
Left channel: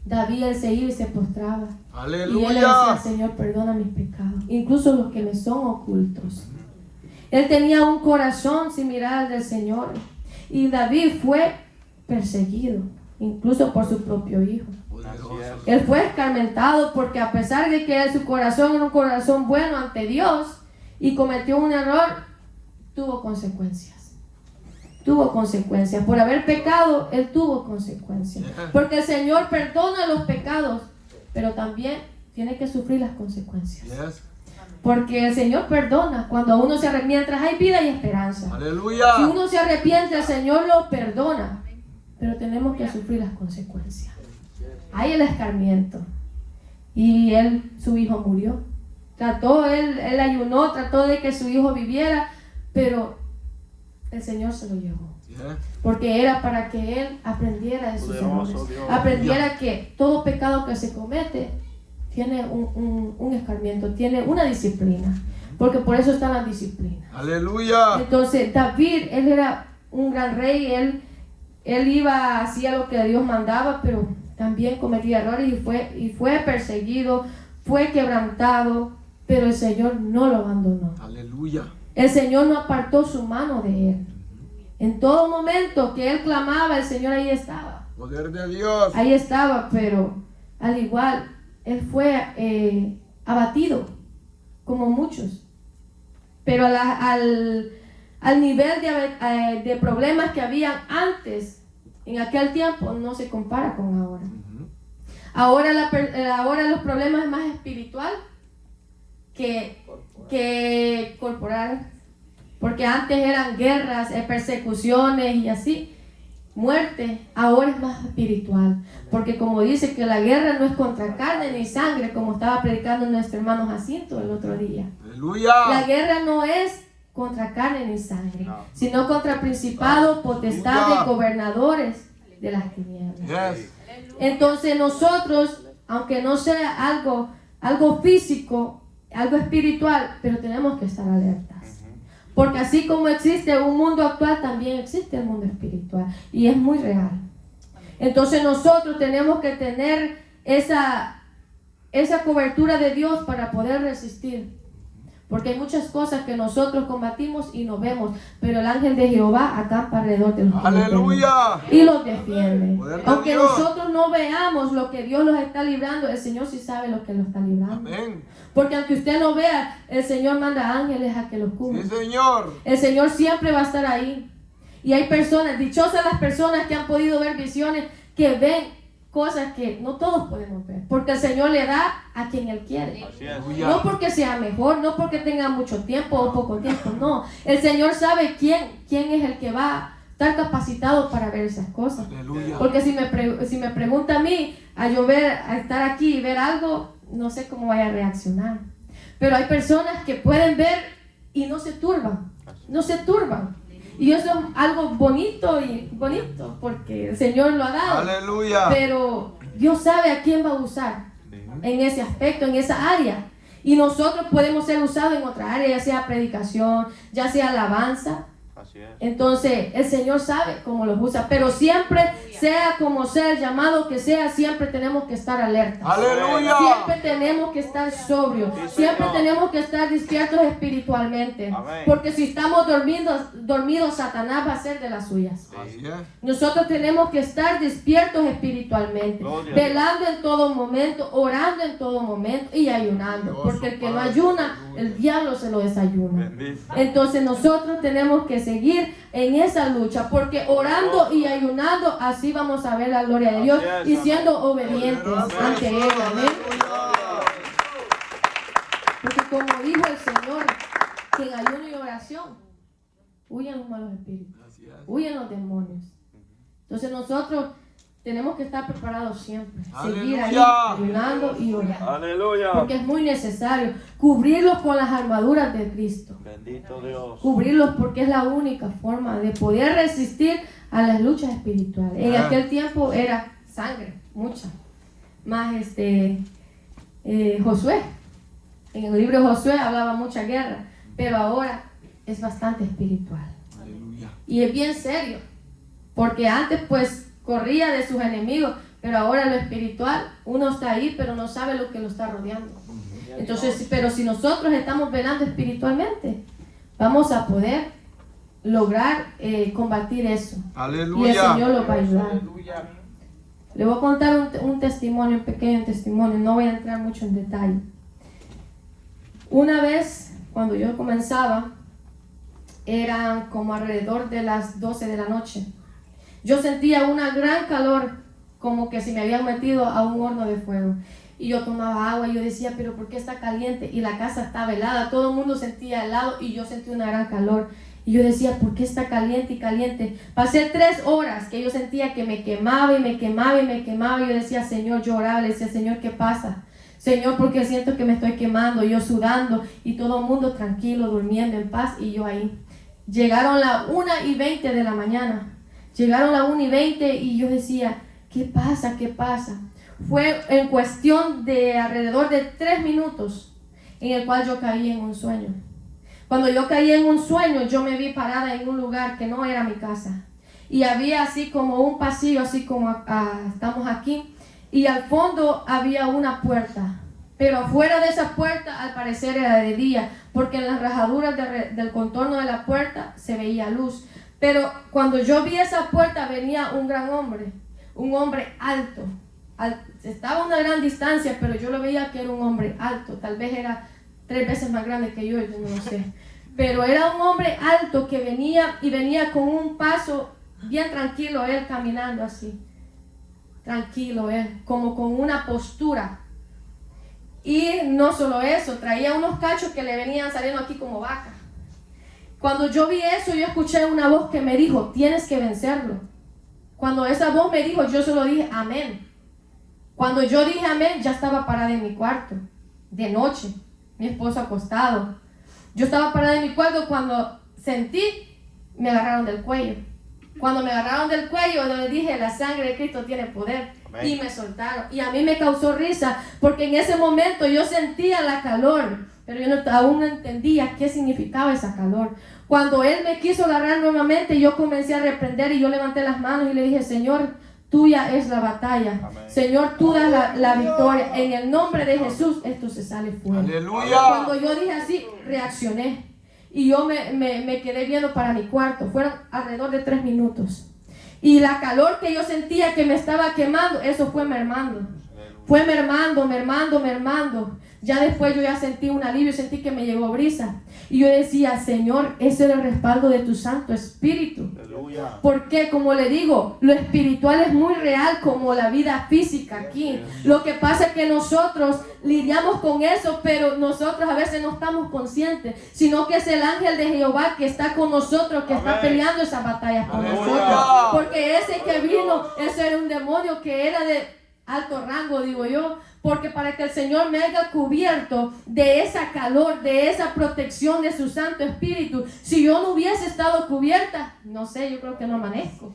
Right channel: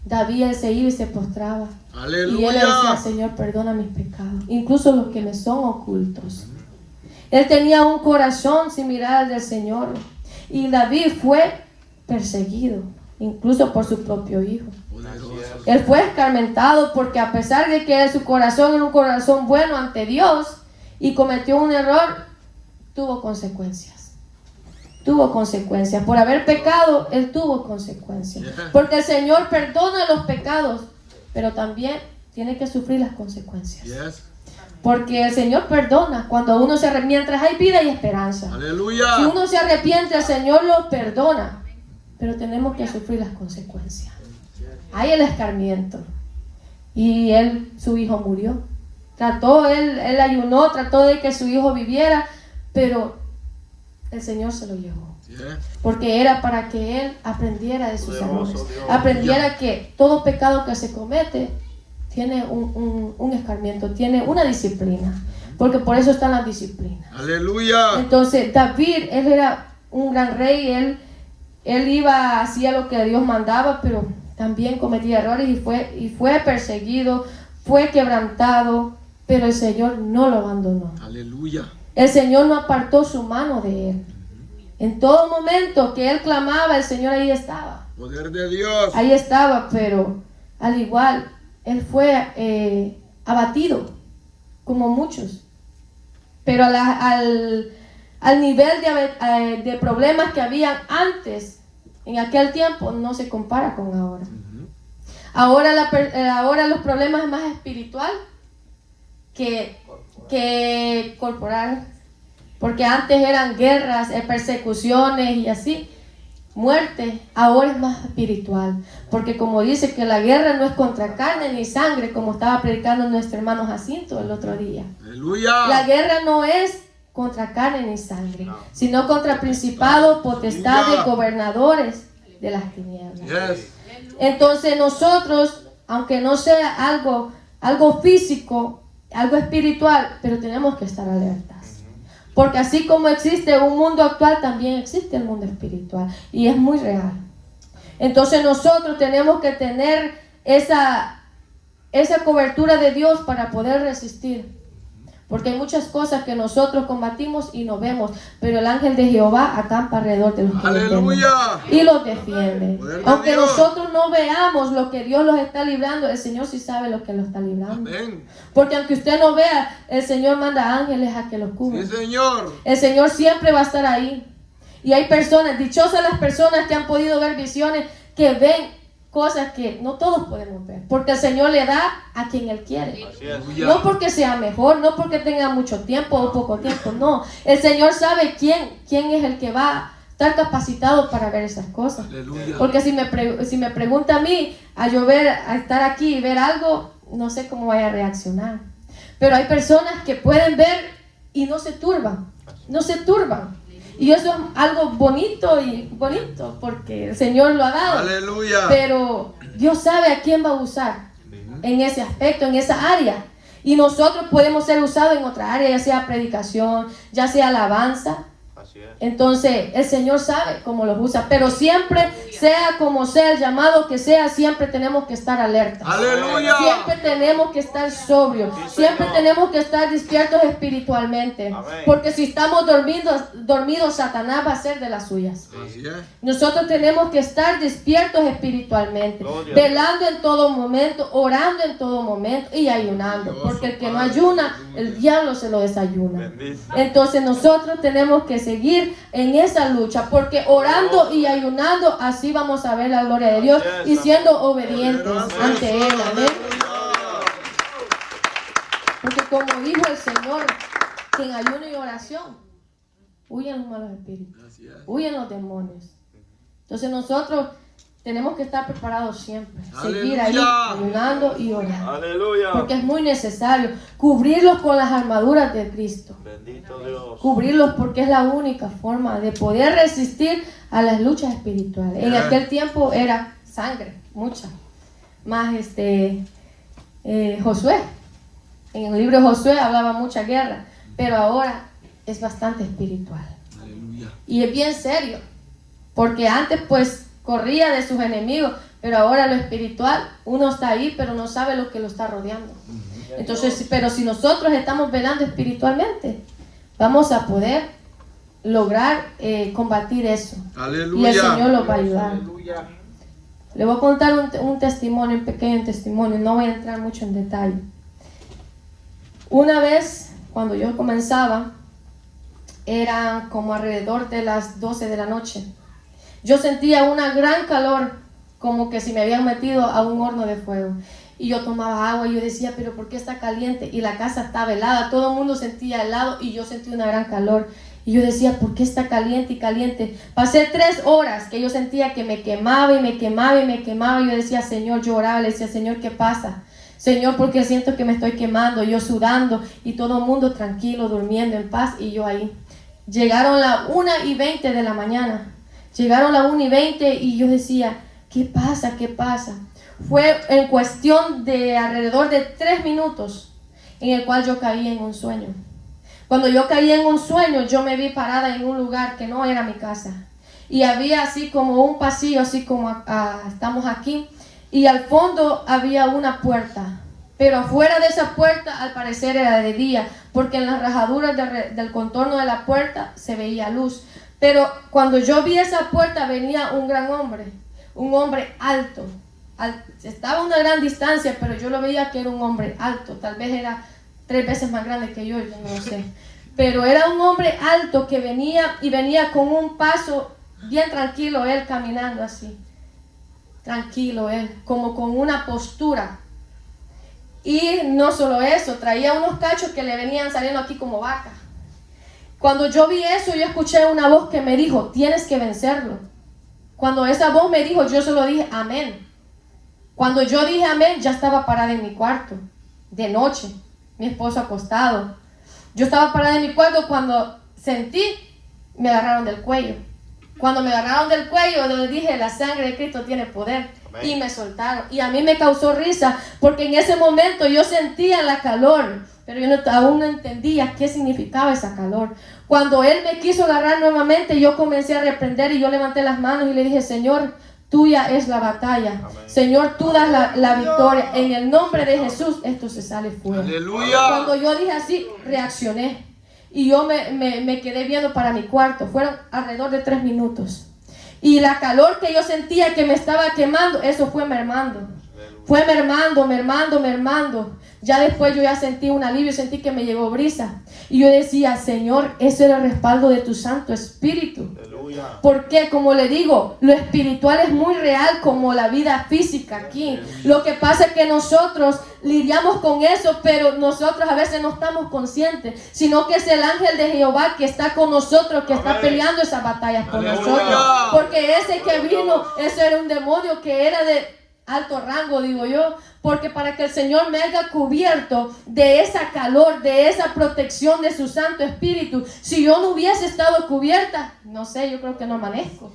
David él se iba y se postraba. Aleluya. Y él le decía, Señor, perdona mis pecados, incluso los que me son ocultos. Él tenía un corazón similar al del Señor. Y David fue perseguido, incluso por su propio hijo. Poderoso. Él fue escarmentado porque a pesar de que su corazón era un corazón bueno ante Dios y cometió un error, tuvo consecuencias. Tuvo consecuencias. Por haber pecado, él tuvo consecuencias. Porque el Señor perdona los pecados, pero también tiene que sufrir las consecuencias. Yes. Porque el Señor perdona cuando uno se arrepiente, mientras hay vida y esperanza. Aleluya. Si uno se arrepiente, el Señor lo perdona, pero tenemos que sufrir las consecuencias. Hay el escarmiento. Y su hijo murió. Él ayunó, trató de que su hijo viviera, pero el Señor se lo llevó. Yes. Porque era para que él aprendiera de sus errores. Aprendiera que todo pecado que se comete tiene un escarmiento, tiene una disciplina. Porque por eso está la disciplina. Aleluya. Entonces David, él era un gran rey, él iba, hacía lo que Dios mandaba, pero también cometía errores y fue perseguido, fue quebrantado, pero el Señor no lo abandonó. Aleluya. El Señor no apartó su mano de él. En todo momento que él clamaba, el Señor ahí estaba. Poder de Dios. Ahí estaba, pero al igual, él fue abatido, como muchos. Pero al nivel de problemas que habían antes, en aquel tiempo, no se compara con ahora. Ahora los problemas es más espiritual que corporal. Porque antes eran guerras, persecuciones y así, muerte. Ahora es más espiritual. Porque como dice que la guerra no es contra carne ni sangre, como estaba predicando nuestro hermano Jacinto el otro día. Aleluya. La guerra no es contra carne ni sangre, sino contra principados, potestades, gobernadores de las tinieblas. Yes. Entonces nosotros, aunque no sea algo físico, algo espiritual, pero tenemos que estar alertas. Porque así como existe un mundo actual, también existe el mundo espiritual. Y es muy real. Entonces nosotros tenemos que tener esa cobertura de Dios para poder resistir. Porque hay muchas cosas que nosotros combatimos y no vemos, pero el ángel de Jehová acampa alrededor de los que lo temen Aleluya. y los defiende. Poder de Aunque Dios. nosotros no veamos lo que Dios los está librando, el Señor sí sabe lo que los está librando. Amén. Porque aunque usted no vea, el Señor manda ángeles a que los cubran. Sí, Señor. El Señor siempre va a estar ahí. Y hay personas, dichosas las personas que han podido ver visiones, que ven cosas que no todos podemos ver. Porque el Señor le da a quien Él quiere. Así es. Aleluya. No porque sea mejor, no porque tenga mucho tiempo o poco tiempo, no. El Señor sabe quién es el que va a estar capacitado para ver esas cosas. Aleluya. Porque si me pregunta a mí, a estar aquí y ver algo, no sé cómo vaya a reaccionar. Pero hay personas que pueden ver y no se turban, no se turban. Y eso es algo bonito porque el Señor lo ha dado. Aleluya. Pero Dios sabe a quién va a usar en ese aspecto, en esa área. Y nosotros podemos ser usados en otra área, ya sea predicación, ya sea alabanza. Así es. Entonces el Señor sabe cómo los usa, pero siempre, sea como sea el llamado que sea, siempre tenemos que estar alerta. Aleluya. Siempre tenemos que estar sobrios, siempre tenemos que estar despiertos espiritualmente, Amén. porque si estamos dormidos, Satanás va a hacer de las suyas. Así es. Nosotros tenemos que estar despiertos espiritualmente, Gloria. velando en todo momento, orando en todo momento y ayunando, porque el que no ayuna, el diablo se lo desayuna. Bendice. Entonces nosotros tenemos que seguir en esa lucha, porque orando y ayunando, así vamos a ver la gloria de Dios y siendo obedientes ante Él. Amén. Porque como dijo el Señor, que en ayuno y oración huyen los malos espíritus, Así es. huyen los demonios. Entonces nosotros tenemos que estar preparados siempre, seguir ahí Aleluya. ayunando y orando, Aleluya. porque es muy necesario cubrirlos con las armaduras de Cristo. Bendito Dios. Cubrirlos porque es la única forma de poder resistir a las luchas espirituales. En aquel tiempo era sangre, mucha. Más Josué. En el libro de Josué hablaba mucha guerra, pero ahora es bastante espiritual. Aleluya. Y es bien serio, porque antes pues corría de sus enemigos, pero ahora lo espiritual, uno está ahí, pero no sabe lo que lo está rodeando. Entonces, pero si nosotros estamos velando espiritualmente, vamos a poder lograr combatir eso. Y el Aleluya. Señor lo va a ayudar. Le voy a contar un testimonio, un pequeño testimonio, no voy a entrar mucho en detalle. Una vez, cuando yo comenzaba, eran como alrededor de las 12 de la noche. Yo sentía una gran calor, como que si me habían metido a un horno de fuego. Y yo tomaba agua y yo decía, pero ¿por qué está caliente? Y la casa estaba helada, todo el mundo sentía helado y yo sentía una gran calor. Y yo decía, ¿por qué está caliente y caliente? Pasé 3 horas que yo sentía que me quemaba y me quemaba y me quemaba. Y yo decía, Señor, yo oraba, le decía, Señor, ¿qué pasa? Señor, porque siento que me estoy quemando, yo sudando y todo el mundo tranquilo, durmiendo en paz y yo ahí. Llegaron las 1:20 de la mañana. Llegaron las 1:20 y yo decía, ¿qué pasa? ¿Qué pasa? Fue en cuestión de alrededor de 3 minutos en el cual yo caí en un sueño. Cuando yo caí en un sueño, yo me vi parada en un lugar que no era mi casa. Y había así como un pasillo, así como estamos aquí. Y al fondo había una puerta. Pero afuera de esa puerta, al parecer era de día, porque en las rajaduras del contorno de la puerta se veía luz. Pero cuando yo vi esa puerta, venía un gran hombre, un hombre alto. Estaba a una gran distancia, pero yo lo veía que era un hombre alto. Tal vez era 3 veces más grande que yo no lo sé. Pero era un hombre alto que venía con un paso bien tranquilo, él caminando así. Tranquilo él, como con una postura. Y no solo eso, traía unos cachos que le venían saliendo aquí como vaca. Cuando yo vi eso, yo escuché una voz que me dijo, tienes que vencerlo. Cuando esa voz me dijo, yo solo dije, amén. Cuando yo dije amén, ya estaba parada en mi cuarto, de noche, mi esposo acostado. Yo estaba parada en mi cuarto cuando sentí, me agarraron del cuello. Cuando me agarraron del cuello, yo dije, la sangre de Cristo tiene poder. Amén. Y me soltaron. Y a mí me causó risa, porque en ese momento yo sentía la calor, pero yo aún no entendía qué significaba esa calor. Cuando él me quiso agarrar nuevamente, yo comencé a reprender y yo levanté las manos y le dije, Señor, tuya es la batalla. Amén. Señor, tú das la victoria. En el nombre de Jesús, esto se sale fuera. Aleluya. Cuando yo dije así, reaccioné. Y yo me quedé viendo para mi cuarto. Fueron alrededor de 3 minutos. Y la calor que yo sentía que me estaba quemando, eso fue mermando. Fue mermando, mermando, mermando. Ya después yo ya sentí un alivio, sentí que me llegó brisa. Y yo decía, Señor, ese es el respaldo de tu Santo Espíritu. Aleluya. Porque, como le digo, lo espiritual es muy real como la vida física aquí. Lo que pasa es que nosotros lidiamos con eso, pero nosotros a veces no estamos conscientes, sino que es el ángel de Jehová que está con nosotros, que está peleando esas batallas por Aleluya. nosotros. Porque ese que vino, ese era un demonio que era de alto rango, digo yo, porque para que el Señor me haya cubierto de esa calor, de esa protección de su Santo Espíritu, si yo no hubiese estado cubierta, no sé, yo creo que no amanezco.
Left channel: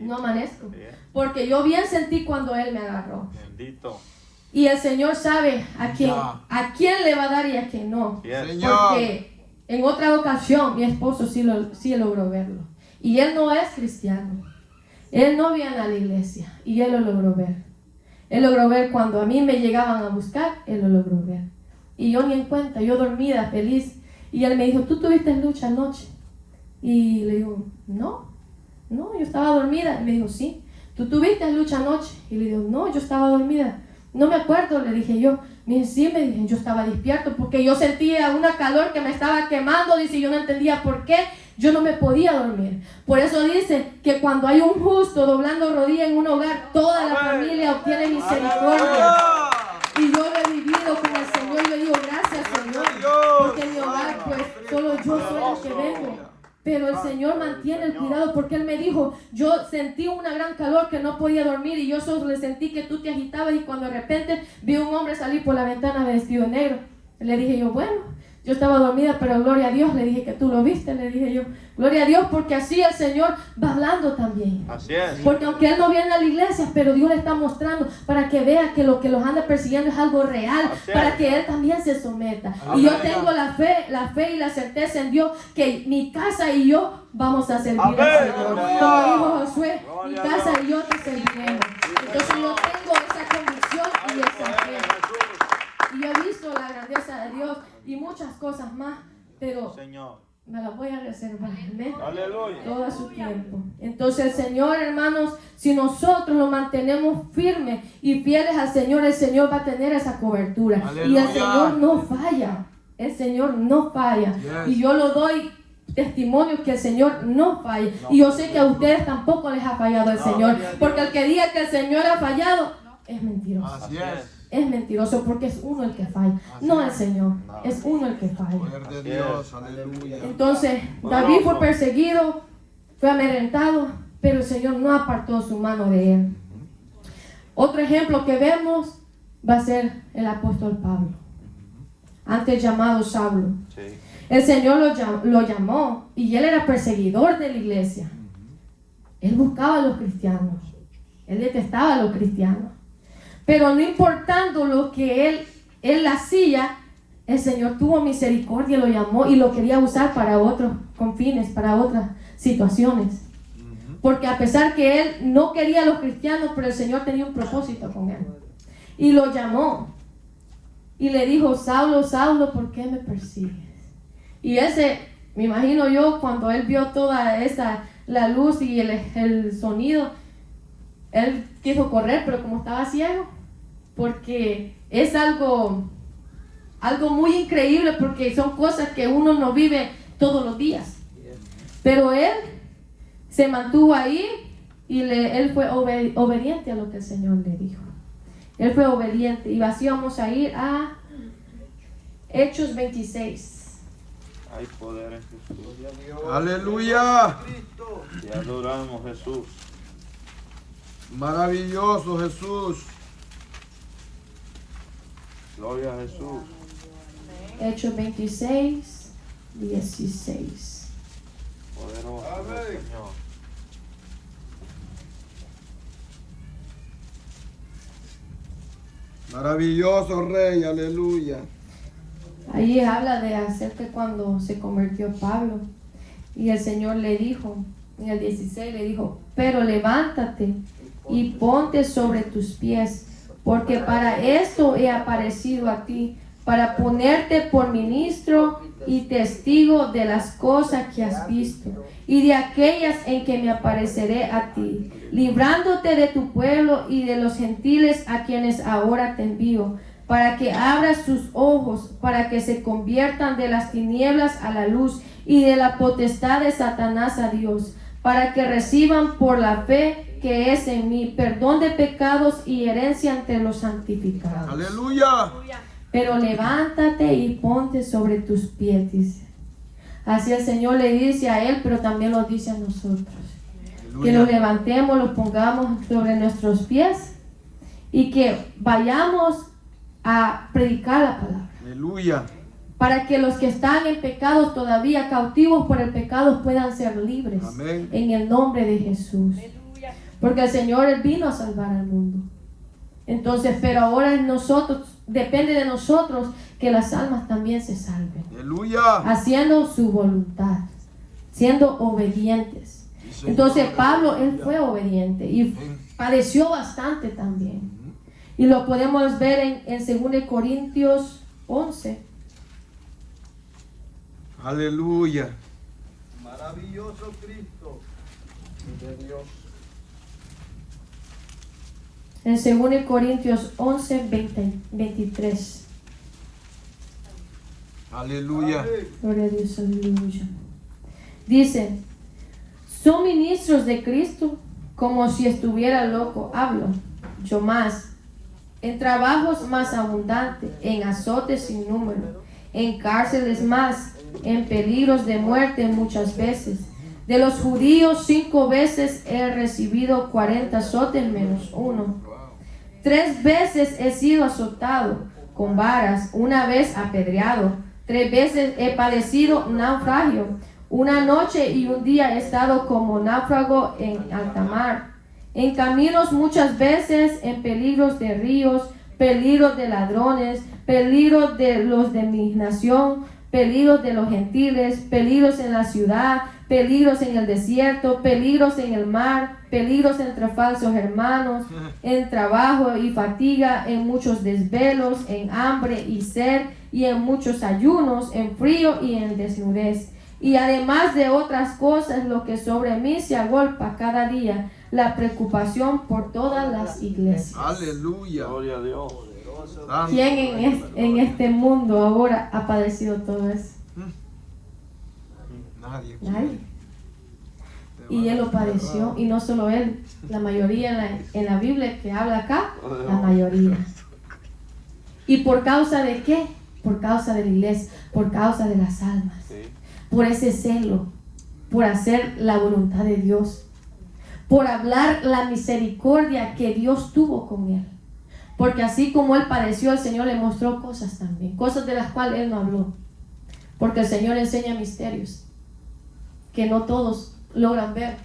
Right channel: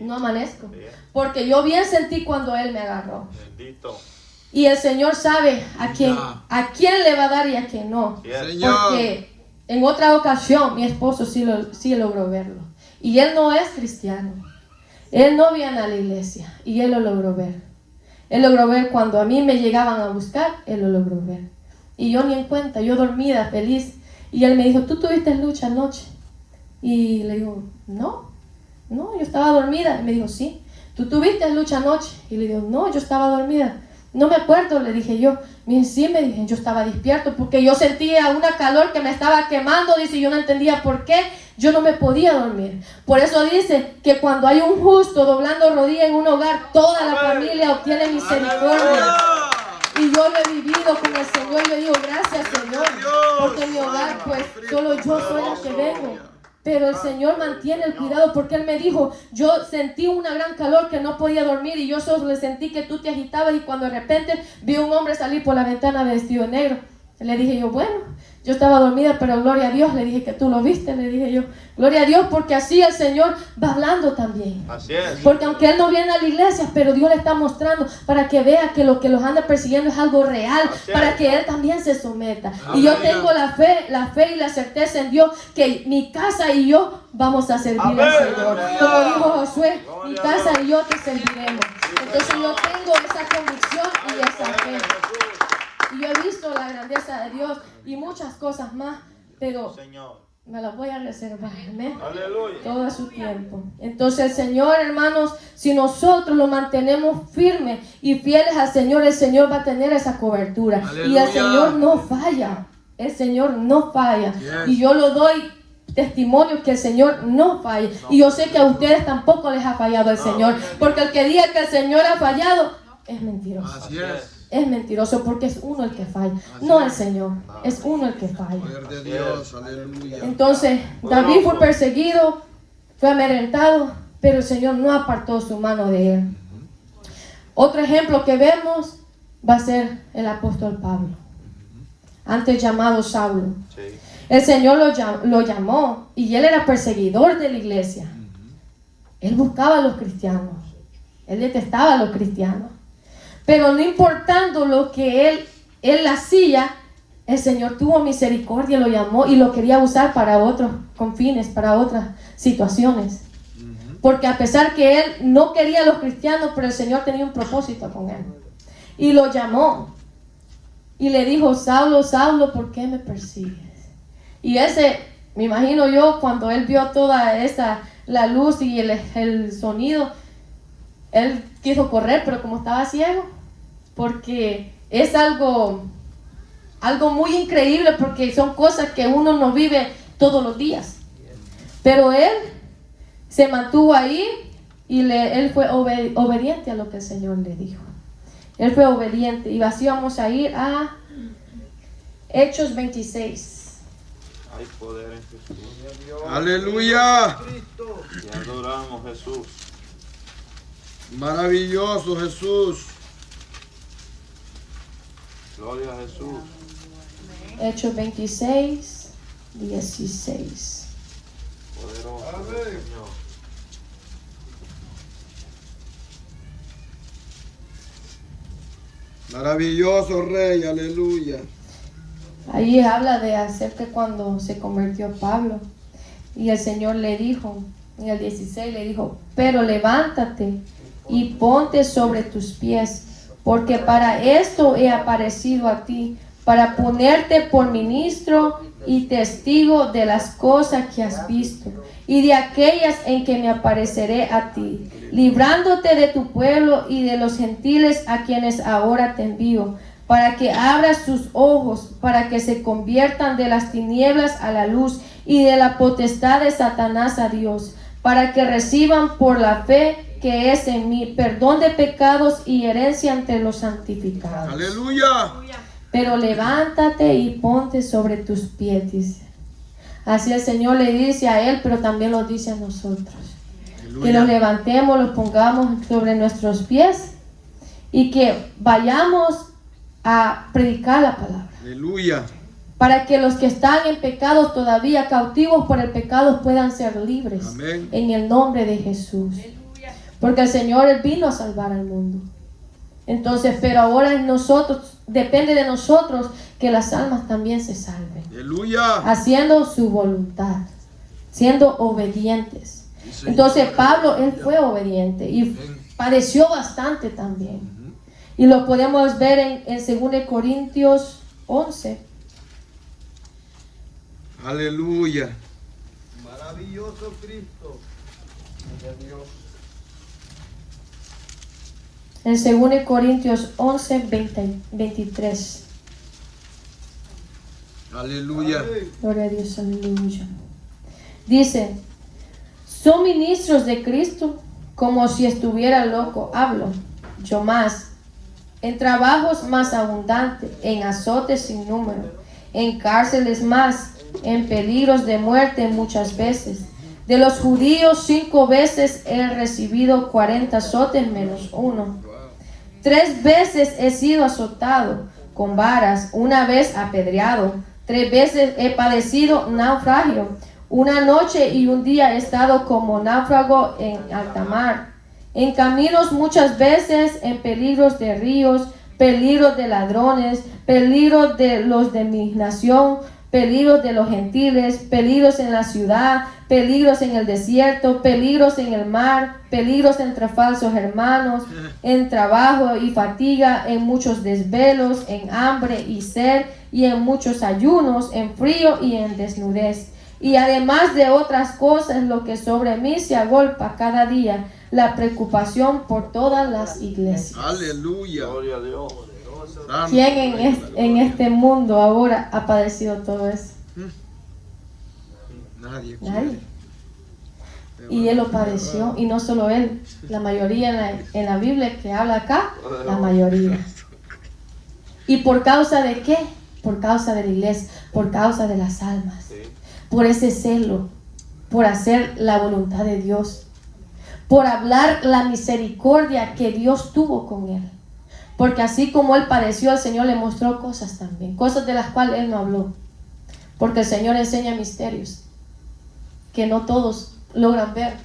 No amanezco. Porque yo bien sentí cuando Él me agarró. Bendito. Y el Señor sabe a quién le va a dar y a quién no. Señor. Porque en otra ocasión mi esposo sí logró verlo. Y él no es cristiano. Él no viene a la iglesia. Y él lo logró ver. Él logró ver cuando a mí me llegaban a buscar. Él lo logró ver. Y yo ni en cuenta, yo dormida, feliz. Y él me dijo, ¿tú tuviste lucha anoche? Y le digo, no, yo estaba dormida. Y me dijo, sí. ¿Tú tuviste lucha anoche? Y le digo, no, yo estaba dormida. No me acuerdo, le dije yo. Me dice, sí, me dije, yo estaba despierto porque yo sentía una calor que me estaba quemando. Dice, yo no entendía por qué. Yo no me podía dormir. Por eso dice que cuando hay un justo doblando rodilla en un hogar, toda la familia obtiene misericordia. Y yo lo he vivido con el Señor. Yo digo, gracias, Señor. Porque en mi hogar, pues, solo yo soy la que vengo. Pero el Señor mantiene el cuidado porque Él me dijo, yo sentí una gran calor que no podía dormir y yo solo le sentí que tú te agitabas y cuando de repente vi un hombre salir por la ventana vestido negro. Le dije yo, bueno, yo estaba dormida, pero gloria a Dios, le dije que tú lo viste, le dije yo, gloria a Dios, porque así el Señor va hablando también. Así es. Porque aunque Él no viene a la iglesia, pero Dios le está mostrando para que vea que lo que los anda persiguiendo es algo real, para que Él también se someta. Y yo tengo la fe y la certeza en Dios que mi casa y yo vamos a servir al Señor. Como dijo Josué, mi casa y yo te serviremos. Entonces yo tengo esa convicción y esa fe. Y yo he visto la grandeza de Dios y muchas cosas más, pero Señor. me las voy a reservar, ¿eh? Aleluya. Todo a su tiempo. Entonces el Señor, hermanos, si nosotros lo mantenemos firmes y fieles al Señor, el Señor va a tener esa cobertura. Aleluya. Y el Señor no falla. El Señor no falla. Yes. Y yo lo doy testimonio que el Señor no falla. Y yo sé que a ustedes tampoco les ha fallado el Señor. Porque el que diga que el Señor ha fallado es mentiroso. Así es. Es mentiroso porque es uno el que falla, no el Señor, es uno el que falla. Poder de Dios. Aleluya. Entonces, David fue perseguido, fue amedrentado, pero el Señor no apartó su mano de él. Otro ejemplo que vemos va a ser el apóstol Pablo, antes llamado Saulo. Sí. El Señor lo llamó y él era perseguidor de la iglesia. Él buscaba a los cristianos, él detestaba a los cristianos. Pero no importando lo que él hacía, el Señor tuvo misericordia, lo llamó y lo quería usar para otros confines, para otras situaciones. Porque a pesar que él no quería a los cristianos, pero el Señor tenía un propósito con él. Y lo llamó. Y le dijo, Saulo, Saulo, ¿por qué me persigues? Y me imagino yo, cuando él vio toda la luz y el sonido, él quiso correr, pero como estaba ciego, porque es algo muy increíble, porque son cosas que uno no vive todos los días. Pero él se mantuvo ahí y él fue obediente a lo que el Señor le dijo. Él fue obediente. Y así vamos a ir a Hechos 26. Hay poder en Jesús. Aleluya. Te adoramos, Jesús. Maravilloso Jesús. Gloria a Jesús. Hechos 26, 16. Poderoso. Amén. Señor. Maravilloso Rey. Aleluya. Ahí habla de acerca cuando se convirtió Pablo. Y el Señor le dijo, en el 16 le dijo, pero levántate y ponte sobre tus pies, porque para esto he aparecido a ti, para ponerte por ministro y testigo de las cosas que has visto y de aquellas en que me apareceré a ti, librándote de tu pueblo y de los gentiles a quienes ahora te envío, para que abras sus ojos, para que se conviertan de las tinieblas a la luz y de la potestad de Satanás a Dios, para que reciban por la fe que es en mí perdón de pecados y herencia entre los santificados. Aleluya. Pero levántate y ponte sobre tus pies, dice. Así el Señor le dice a él, pero también lo dice a nosotros. Aleluya. Que los levantemos, los pongamos sobre nuestros pies y que vayamos a predicar la palabra. Aleluya. Para que los que están en pecados todavía, cautivos por el pecado, puedan ser libres. Amén. En el nombre de Jesús. Porque el Señor Él vino a salvar al mundo. Entonces, pero ahora en nosotros, depende de nosotros que las almas también se salven. Aleluya. Haciendo su voluntad, siendo obedientes. Sí, Señor. Entonces Pablo, él fue obediente y padeció bastante también. Y lo podemos ver en 2 Corintios 11. Aleluya. Maravilloso Cristo. De Dios. En 2 Corintios 11, 23. Aleluya. Gloria a Dios, aleluya. Dice, son ministros de Cristo, como si estuviera loco, hablo, yo más, en trabajos más abundantes, en azotes sin número, en cárceles más, en peligros de muerte muchas veces. De los judíos 5 veces he recibido 40 azotes menos uno. 3 veces he sido azotado con varas, 1 vez apedreado, 3 veces he padecido naufragio, 1 noche y 1 día he estado como náufrago en alta mar, en caminos muchas veces, en peligros de ríos, peligros de ladrones, peligros de los de mi nación, peligros de los gentiles, peligros en la ciudad, peligros en el desierto, peligros en el mar, peligros entre falsos hermanos, en trabajo y fatiga, en muchos desvelos, en hambre y sed, y en muchos ayunos, en frío y en desnudez. Y además de otras cosas, lo que sobre mí se agolpa cada día, la preocupación por todas las iglesias. Aleluya. Gloria a Dios. Santo. ¿Quién en este mundo ahora ha padecido todo eso? Nadie. Nadie. Y él lo padeció, y no solo él, la mayoría en la Biblia que habla acá, la mayoría. ¿Y por causa de qué? Por causa de la iglesia, por causa de las almas, por ese celo, por hacer la voluntad de Dios, por hablar la misericordia que Dios tuvo con él. Porque así como él padeció, el Señor le mostró cosas también, cosas de las cuales él no habló. Porque el Señor enseña misterios que no todos logran ver,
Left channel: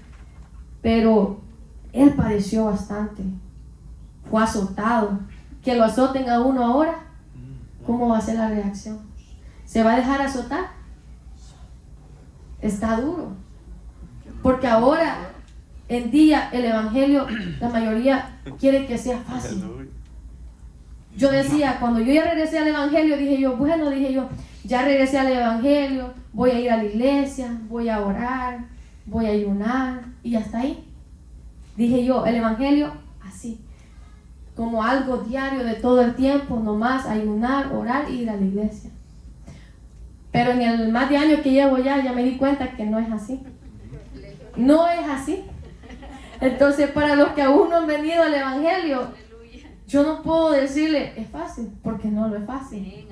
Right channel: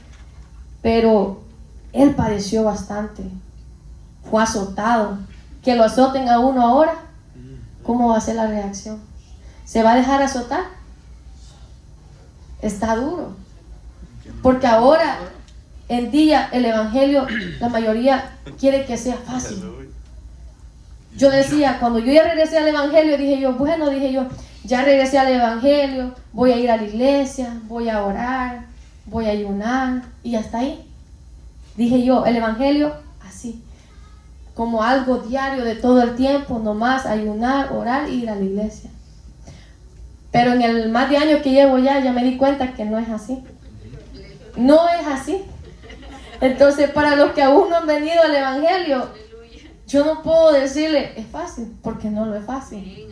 pero él padeció bastante, fue azotado. Que lo azoten a uno ahora, ¿cómo va a ser la reacción? ¿Se va a dejar azotar? Está duro, porque ahora en día el evangelio, la mayoría quiere que sea fácil. Yo decía, cuando yo ya regresé al evangelio, dije yo, ya regresé al evangelio, voy a ir a la iglesia, voy a orar, voy a ayunar, y hasta ahí. Dije yo, el evangelio así, como algo diario de todo el tiempo, nomás ayunar, orar y ir a la iglesia. Pero en el más de años que llevo ya me di cuenta que no es así. No es así. Entonces, para los que aún no han venido al evangelio, yo no puedo decirle, es fácil, porque no lo es fácil.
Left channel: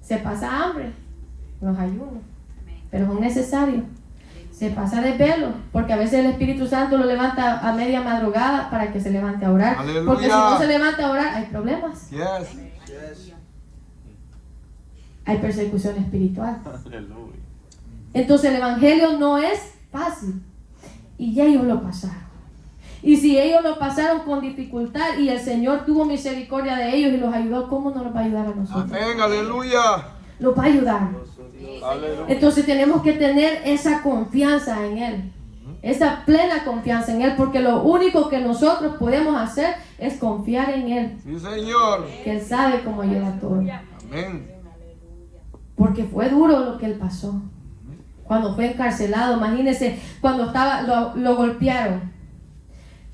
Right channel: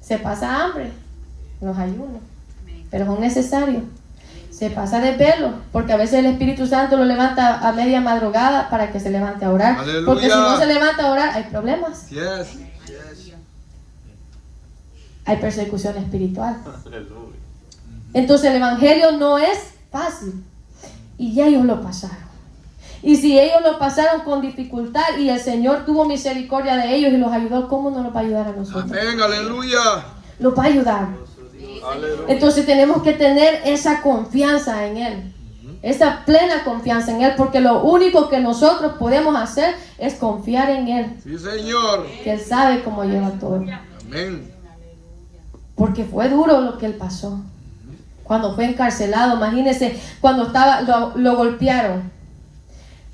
Se pasa hambre, los ayunos, pero son necesarios. Se pasa de pelo, porque a veces el Espíritu Santo lo levanta a media madrugada para que se levante a orar. Aleluya. Porque si no se levanta a orar, hay problemas. Yes. Hay persecución espiritual. Entonces el evangelio no es fácil. Y ya ellos lo pasaron. Y si ellos lo pasaron con dificultad y el Señor tuvo misericordia de ellos y los ayudó, ¿cómo no los va a ayudar a nosotros? Amén, aleluya. Los va a ayudar. Aleluya. Entonces tenemos que tener esa confianza en Él. esa plena confianza en Él, porque lo único que nosotros podemos hacer es confiar en Él, Sí, Señor. que Él sabe cómo lleva todo. Amén. Porque fue duro lo que Él pasó. Cuando fue encarcelado, imagínense, cuando estaba, lo golpearon,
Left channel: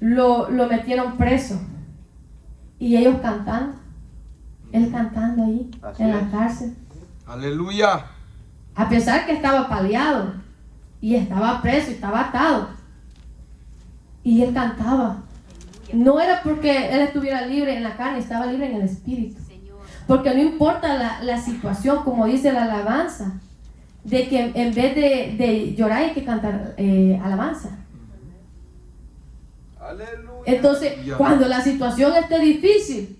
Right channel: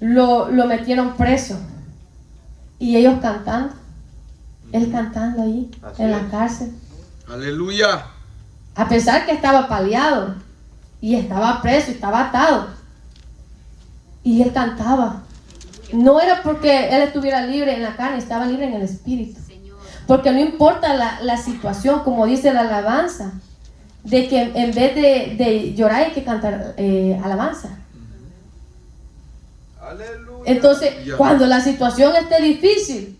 lo metieron preso, y ellos cantando, Él cantando ahí, Así en es. la cárcel. Aleluya. A pesar que estaba paliado, y estaba preso, y estaba atado, y Él cantaba. No era porque Él estuviera libre en la carne, estaba libre en el espíritu. Porque no importa la situación, como dice la alabanza, de que en vez de llorar hay que cantar alabanza. Aleluya. Entonces, cuando la situación esté difícil,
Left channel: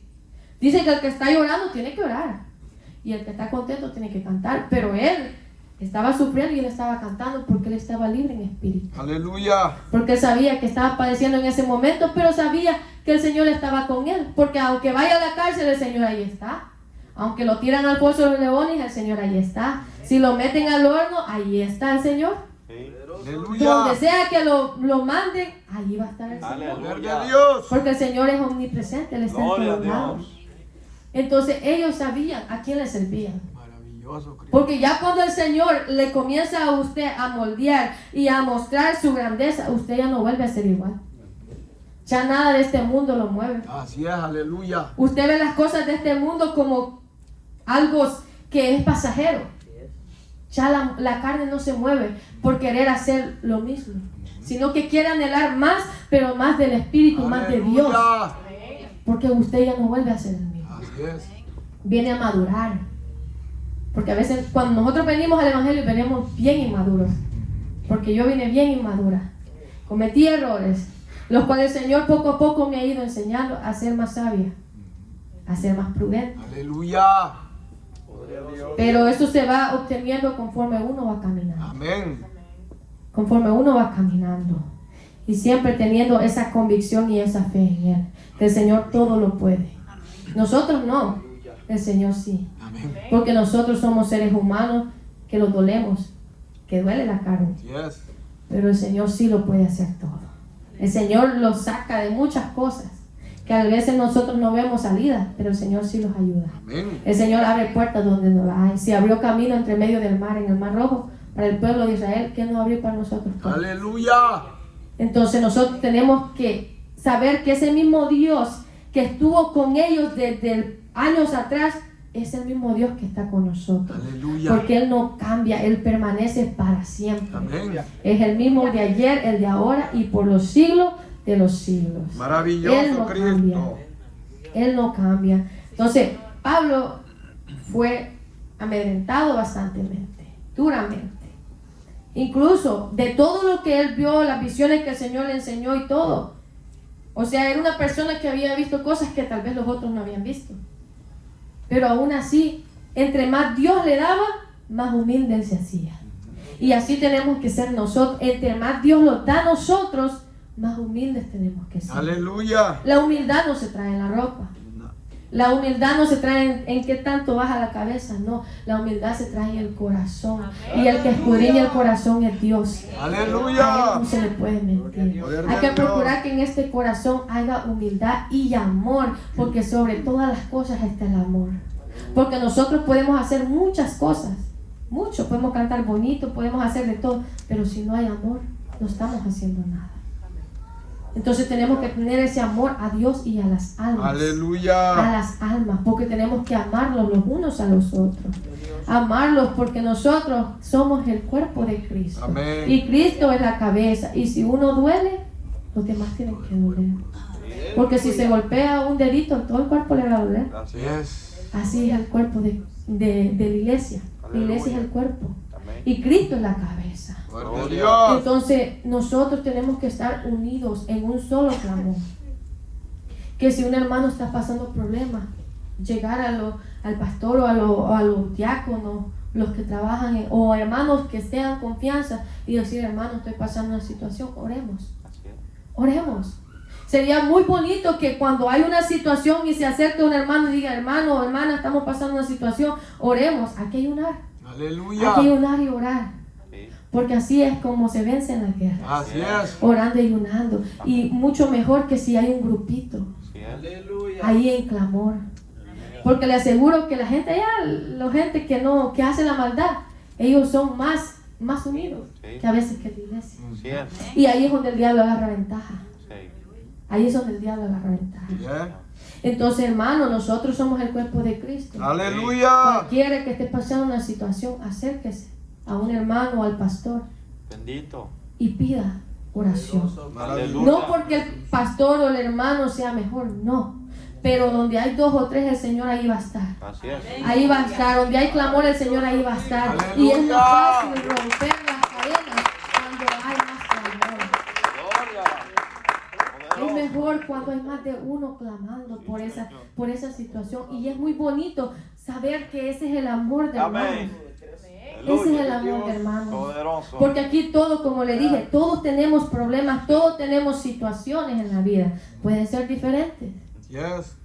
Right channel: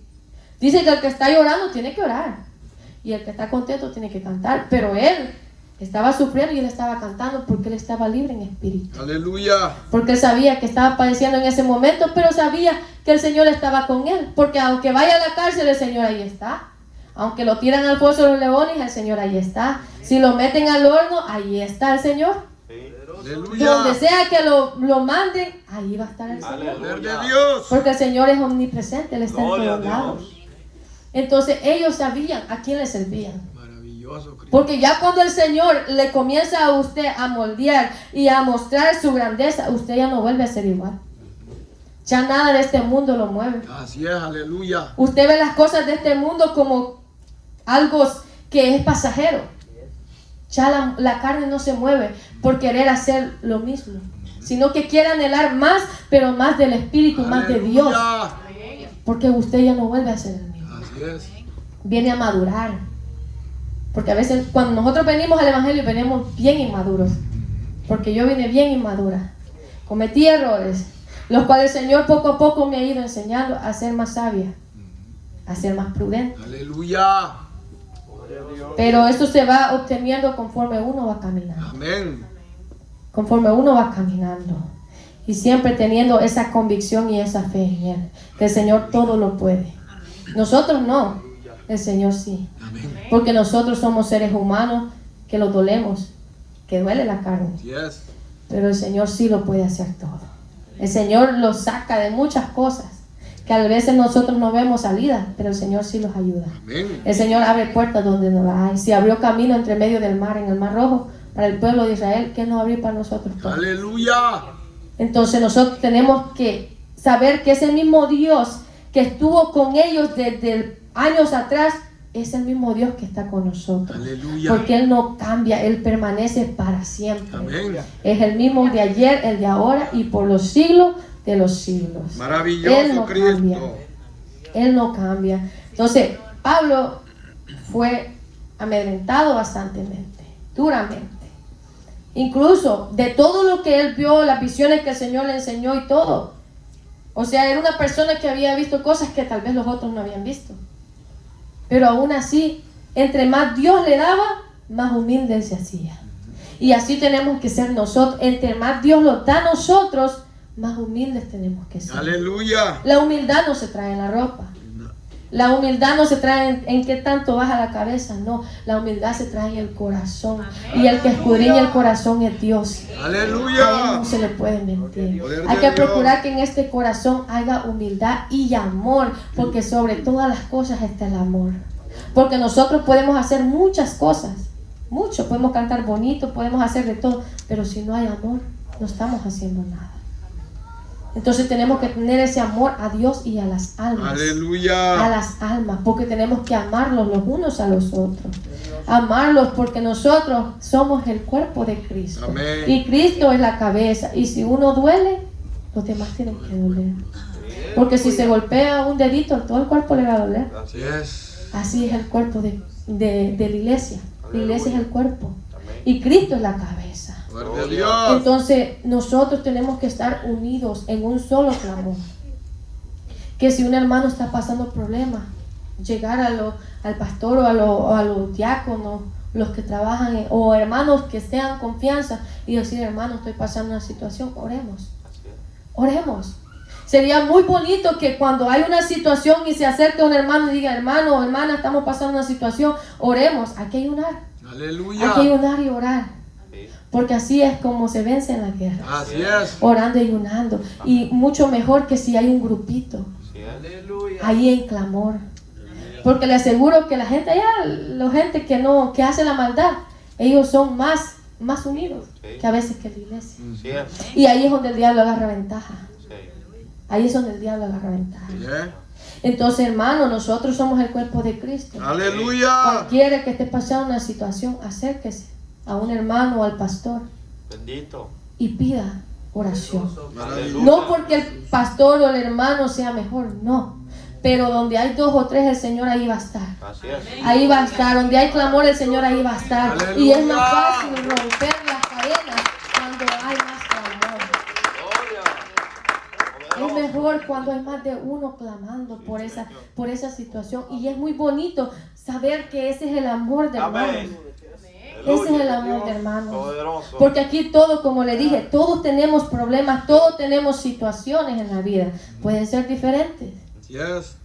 dice que el que está llorando tiene que orar, y el que está contento tiene que cantar. Pero él estaba sufriendo y él estaba cantando porque él estaba libre en espíritu. Aleluya. Porque él sabía que estaba padeciendo en ese momento, pero sabía que el Señor estaba con él. Porque aunque vaya a la cárcel, el Señor ahí está. Aunque lo tiran al pozo de los leones, el Señor ahí está. Si lo meten al horno, ahí está el Señor. Sí. Aleluya. Donde sea que lo manden, ahí va a estar el Señor. Poder de Dios. Porque el Señor es omnipresente, Él está en Gloria a todos lados. Dios. Entonces ellos sabían a quién le servían. Maravilloso, Cristo. Porque ya cuando el Señor le comienza a usted a moldear y a mostrar su grandeza, usted ya no vuelve a ser igual. Ya nada de este mundo lo mueve. Así es, aleluya. Usted ve las cosas de este mundo como algo que es pasajero. Ya la carne no se mueve por querer hacer lo mismo, sino que quiere anhelar más, pero más del Espíritu, más de Dios. Aleluya. Porque usted ya no vuelve a ser el mismo. Así es. Viene a madurar. Porque a veces cuando nosotros venimos al Evangelio venimos bien inmaduros. Porque yo vine bien inmadura. Cometí errores, los cuales el Señor poco a poco me ha ido enseñando a ser más sabia, a ser más prudente. Aleluya. Pero eso se va obteniendo conforme uno va caminando. Amén. Conforme uno va caminando. Y siempre teniendo esa convicción y esa fe en Él. Que el Señor todo lo puede. Nosotros no. El Señor sí. Amén. Porque nosotros somos seres humanos que los dolemos. Que duele la carne. Yes. Pero el Señor sí lo puede hacer todo. El Señor los saca de muchas cosas. Que a veces nosotros no vemos salida. Pero el Señor sí los ayuda. Amén. El Señor abre puertas donde no las hay. Si abrió camino entre medio del mar, en el Mar Rojo, para el pueblo de Israel, ¿qué no abrió para nosotros? Aleluya. Entonces nosotros tenemos que saber que ese mismo Dios que estuvo con ellos desde años atrás, es el mismo Dios que está con nosotros. Aleluya. Porque Él no cambia, Él permanece para siempre. Amén. Es el mismo de ayer, el de ahora y por los siglos de los siglos. Él Maravilloso, no Cristo. cambia. Él no cambia. Entonces, Pablo fue amedrentado bastantemente, duramente. Incluso de todo lo que él vio, las visiones que el Señor le enseñó y todo. O sea, era una persona que había visto cosas que tal vez los otros no habían visto. Pero aún así, entre más Dios le daba, más humilde él se hacía. Y así tenemos que ser nosotros. Entre más Dios nos da a nosotros, más humildes tenemos que ser. Aleluya. La humildad no se trae en la ropa. La humildad no se trae en qué tanto baja la cabeza, no. La humildad se trae en el corazón. Y el que escudriña el corazón es Dios. A él Aleluya. no se le puede mentir. Poder Hay de que Dios. procurar que en este corazón haya humildad y amor, porque sobre todas las cosas está el amor. Porque nosotros podemos hacer muchas cosas, mucho, podemos cantar bonito, podemos hacer de todo, pero si no hay amor, no estamos haciendo nada. Entonces tenemos que tener ese amor a Dios y a las almas. Aleluya. A las almas, porque tenemos que amarlos los unos a los otros. Amarlos porque nosotros somos el cuerpo de Cristo. Amén. Y Cristo es la cabeza. Y si uno duele, los demás tienen que doler. Porque si se golpea un dedito, todo el cuerpo le va a doler. Así es. Así es el cuerpo de la iglesia. La iglesia es el cuerpo. Y Cristo es la cabeza. Poder de Dios. Entonces nosotros tenemos que estar unidos en un solo clamor. Que si un hermano está pasando problemas, llegar al pastor o a los diáconos, los que trabajan, o hermanos que sean confianza y decir, hermano, estoy pasando una situación, oremos. Oremos. Sería muy bonito que cuando hay una situación y se acerque un hermano y diga, hermano o hermana, estamos pasando una situación, oremos. Hay que ayunar. Aleluya. Hay que ayunar y orar. Porque así es como se vence en la guerra. Así es. Orando y ayunando. Y mucho mejor que si hay un grupito. Ahí en clamor. Porque le aseguro que la gente allá, la gente que hace la maldad, ellos son más unidos que a veces que la iglesia. Y ahí es donde el diablo agarra ventaja. Ahí es donde el diablo agarra ventaja. Yeah. Entonces, hermano, nosotros somos el cuerpo de Cristo. Aleluya. Cualquiera que esté pasando una situación, acérquese a un hermano o al pastor. Bendito. Y pida oración. Maravilloso. No porque el pastor o el hermano sea mejor, no. Pero donde hay 2 o 3, el Señor ahí va a estar. Así es. Ahí va a estar. Donde hay clamor, el Señor ahí va a estar. Aleluya. Y es más fácil romper las cadenas cuando hay más clamor. Es mejor cuando hay más de uno clamando por esa situación. Y es muy bonito saber que ese es el amor de hermano. Ese es el amor de hermanos. Poderoso. Porque aquí todo, como le dije, todos tenemos problemas, todos tenemos situaciones en la vida. Pueden ser diferentes, Yes.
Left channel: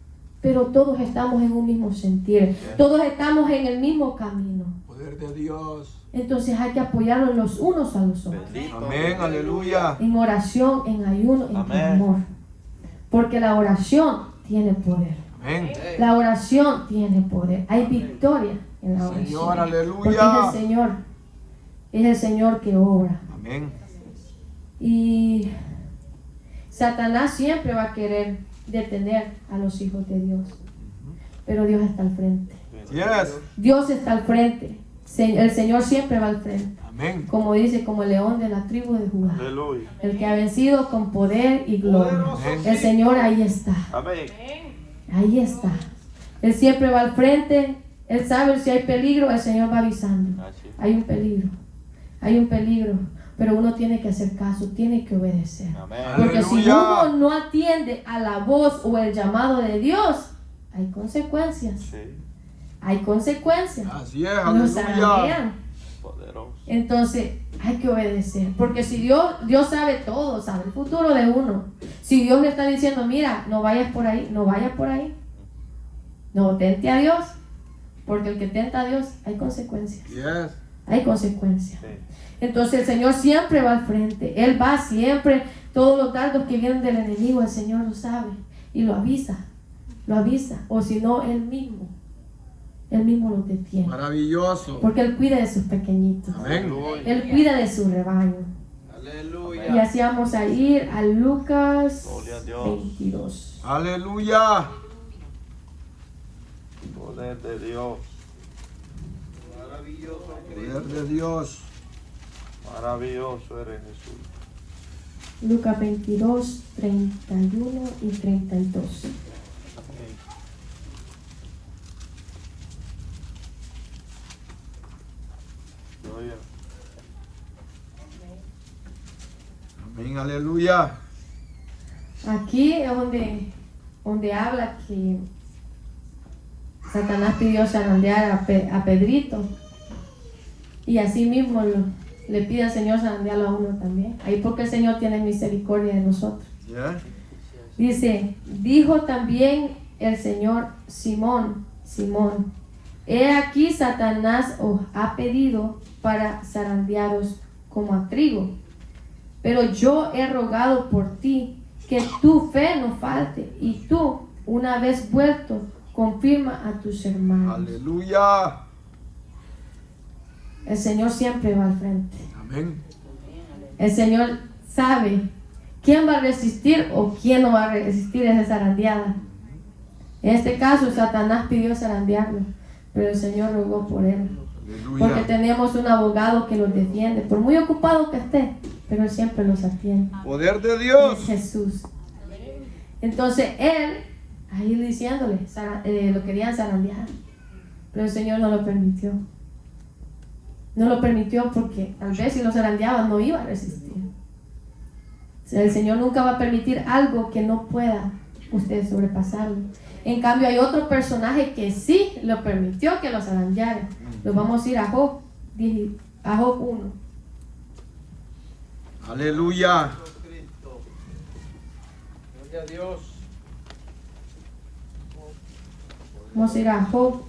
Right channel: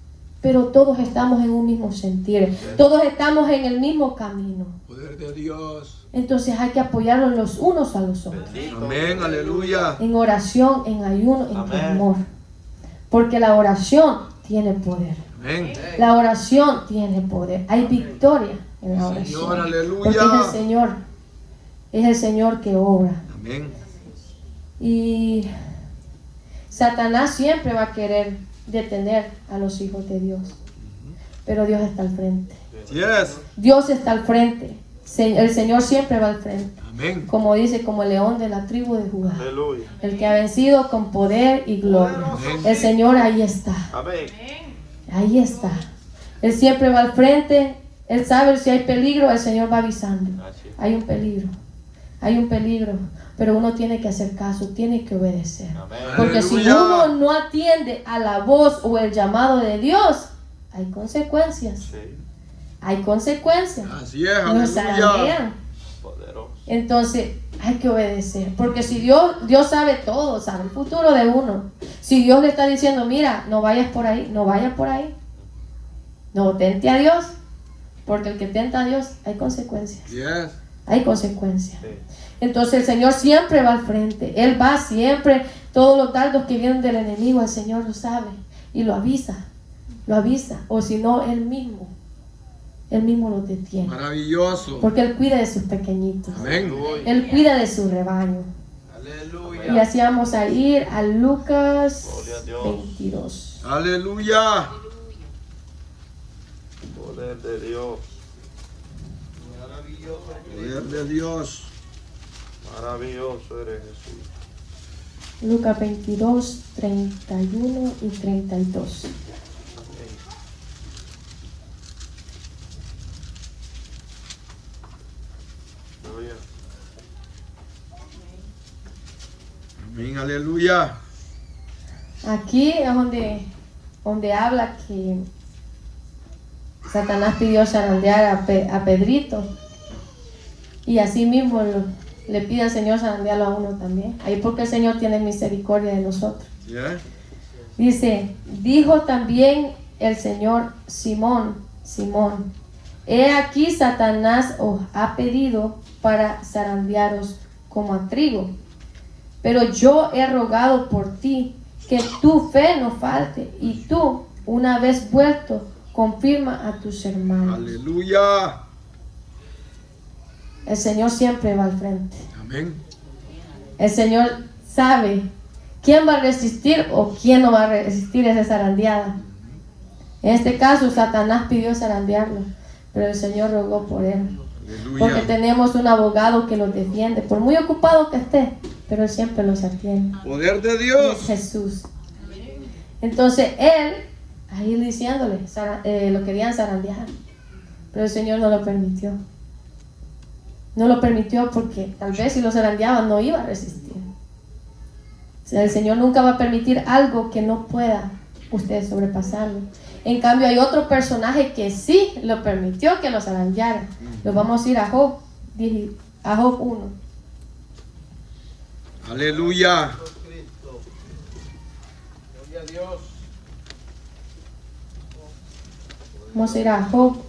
pero todos estamos en un mismo sentir. Todos estamos en el mismo camino. Poder de Dios. Entonces hay que apoyarnos los unos a los otros. Bendito. Amén. Aleluya. En oración, en ayuno, en Amén. clamor. Porque la oración tiene poder. Amén. La oración tiene poder. Hay victoria en la oración. Señor, aleluya. Porque es el Señor que obra. Amén. Y Satanás siempre va a querer detener a los hijos de Dios. Pero Dios está al frente. Yes. Dios está al frente. El Señor siempre va al frente. Amén. Como dice, como el león de la tribu de Judá. Aleluya. El que ha vencido con poder y gloria. El Señor ahí está. Amén. Ahí está. Él siempre va al frente. Él sabe si hay peligro, el Señor va avisando. Así es. Hay un peligro. Hay un peligro. Pero uno tiene que hacer caso, tiene que obedecer. Amén. Porque si Aleluya. uno no atiende a la voz o el llamado de Dios, hay consecuencias. Sí. Hay consecuencias. Así es. Nos Aleluya. zarandean. Poderoso. Entonces hay que obedecer. Porque si Dios sabe todo, sabe el futuro de uno. Si Dios le está diciendo, mira, no vayas por ahí, no vayas por ahí. No tente a Dios. Porque el que tenta a Dios, hay consecuencias. Yes. Hay consecuencias. Sí. Entonces el Señor siempre va al frente. Él va siempre. Todos los dardos que vienen del enemigo, el Señor lo sabe. Y lo avisa. Lo avisa. O si no, Él mismo los detiene. Maravilloso. Porque Él cuida de sus pequeñitos. Amén. Él cuida de su rebaño. Aleluya. Y así vamos a ir a Lucas Gloria a Dios. 22. Aleluya. Poder de Dios. Poder de Dios. Maravilloso eres Jesús. Lucas 22, 31 y 32. Amén. Gloria. Amén. Aleluya. Aquí es donde habla que Satanás pidió zarandear a Pedrito. Y así mismo le pide al Señor zarandearlo a uno también. Ahí porque el Señor tiene misericordia de nosotros. Yeah. Dice, dijo también el Señor, Simón, he aquí Satanás os ha pedido para zarandearos como a trigo. Pero yo he rogado por ti que tu fe no falte y tú, una vez vuelto, confirma a tus hermanos. Aleluya. El Señor siempre va al frente. Amén. El Señor sabe quién va a resistir o quién no va a resistir esa zarandeada. En este caso, Satanás pidió zarandearlo, pero el Señor rogó por él. Porque Aleluya. tenemos un abogado que nos defiende, por muy ocupado que esté, pero Él siempre los atiende. Poder de Y Dios. es Jesús. Entonces Él, ahí diciéndole, lo querían zarandear, pero el Señor no lo permitió. No lo permitió porque tal vez si lo zarandeaban no iba a resistir. O sea, el Señor nunca va a permitir algo que no pueda usted sobrepasarlo. En cambio hay otro personaje que sí lo permitió que lo zarandeara. Nos vamos a ir a Job 1. Aleluya. Vamos a ir a Job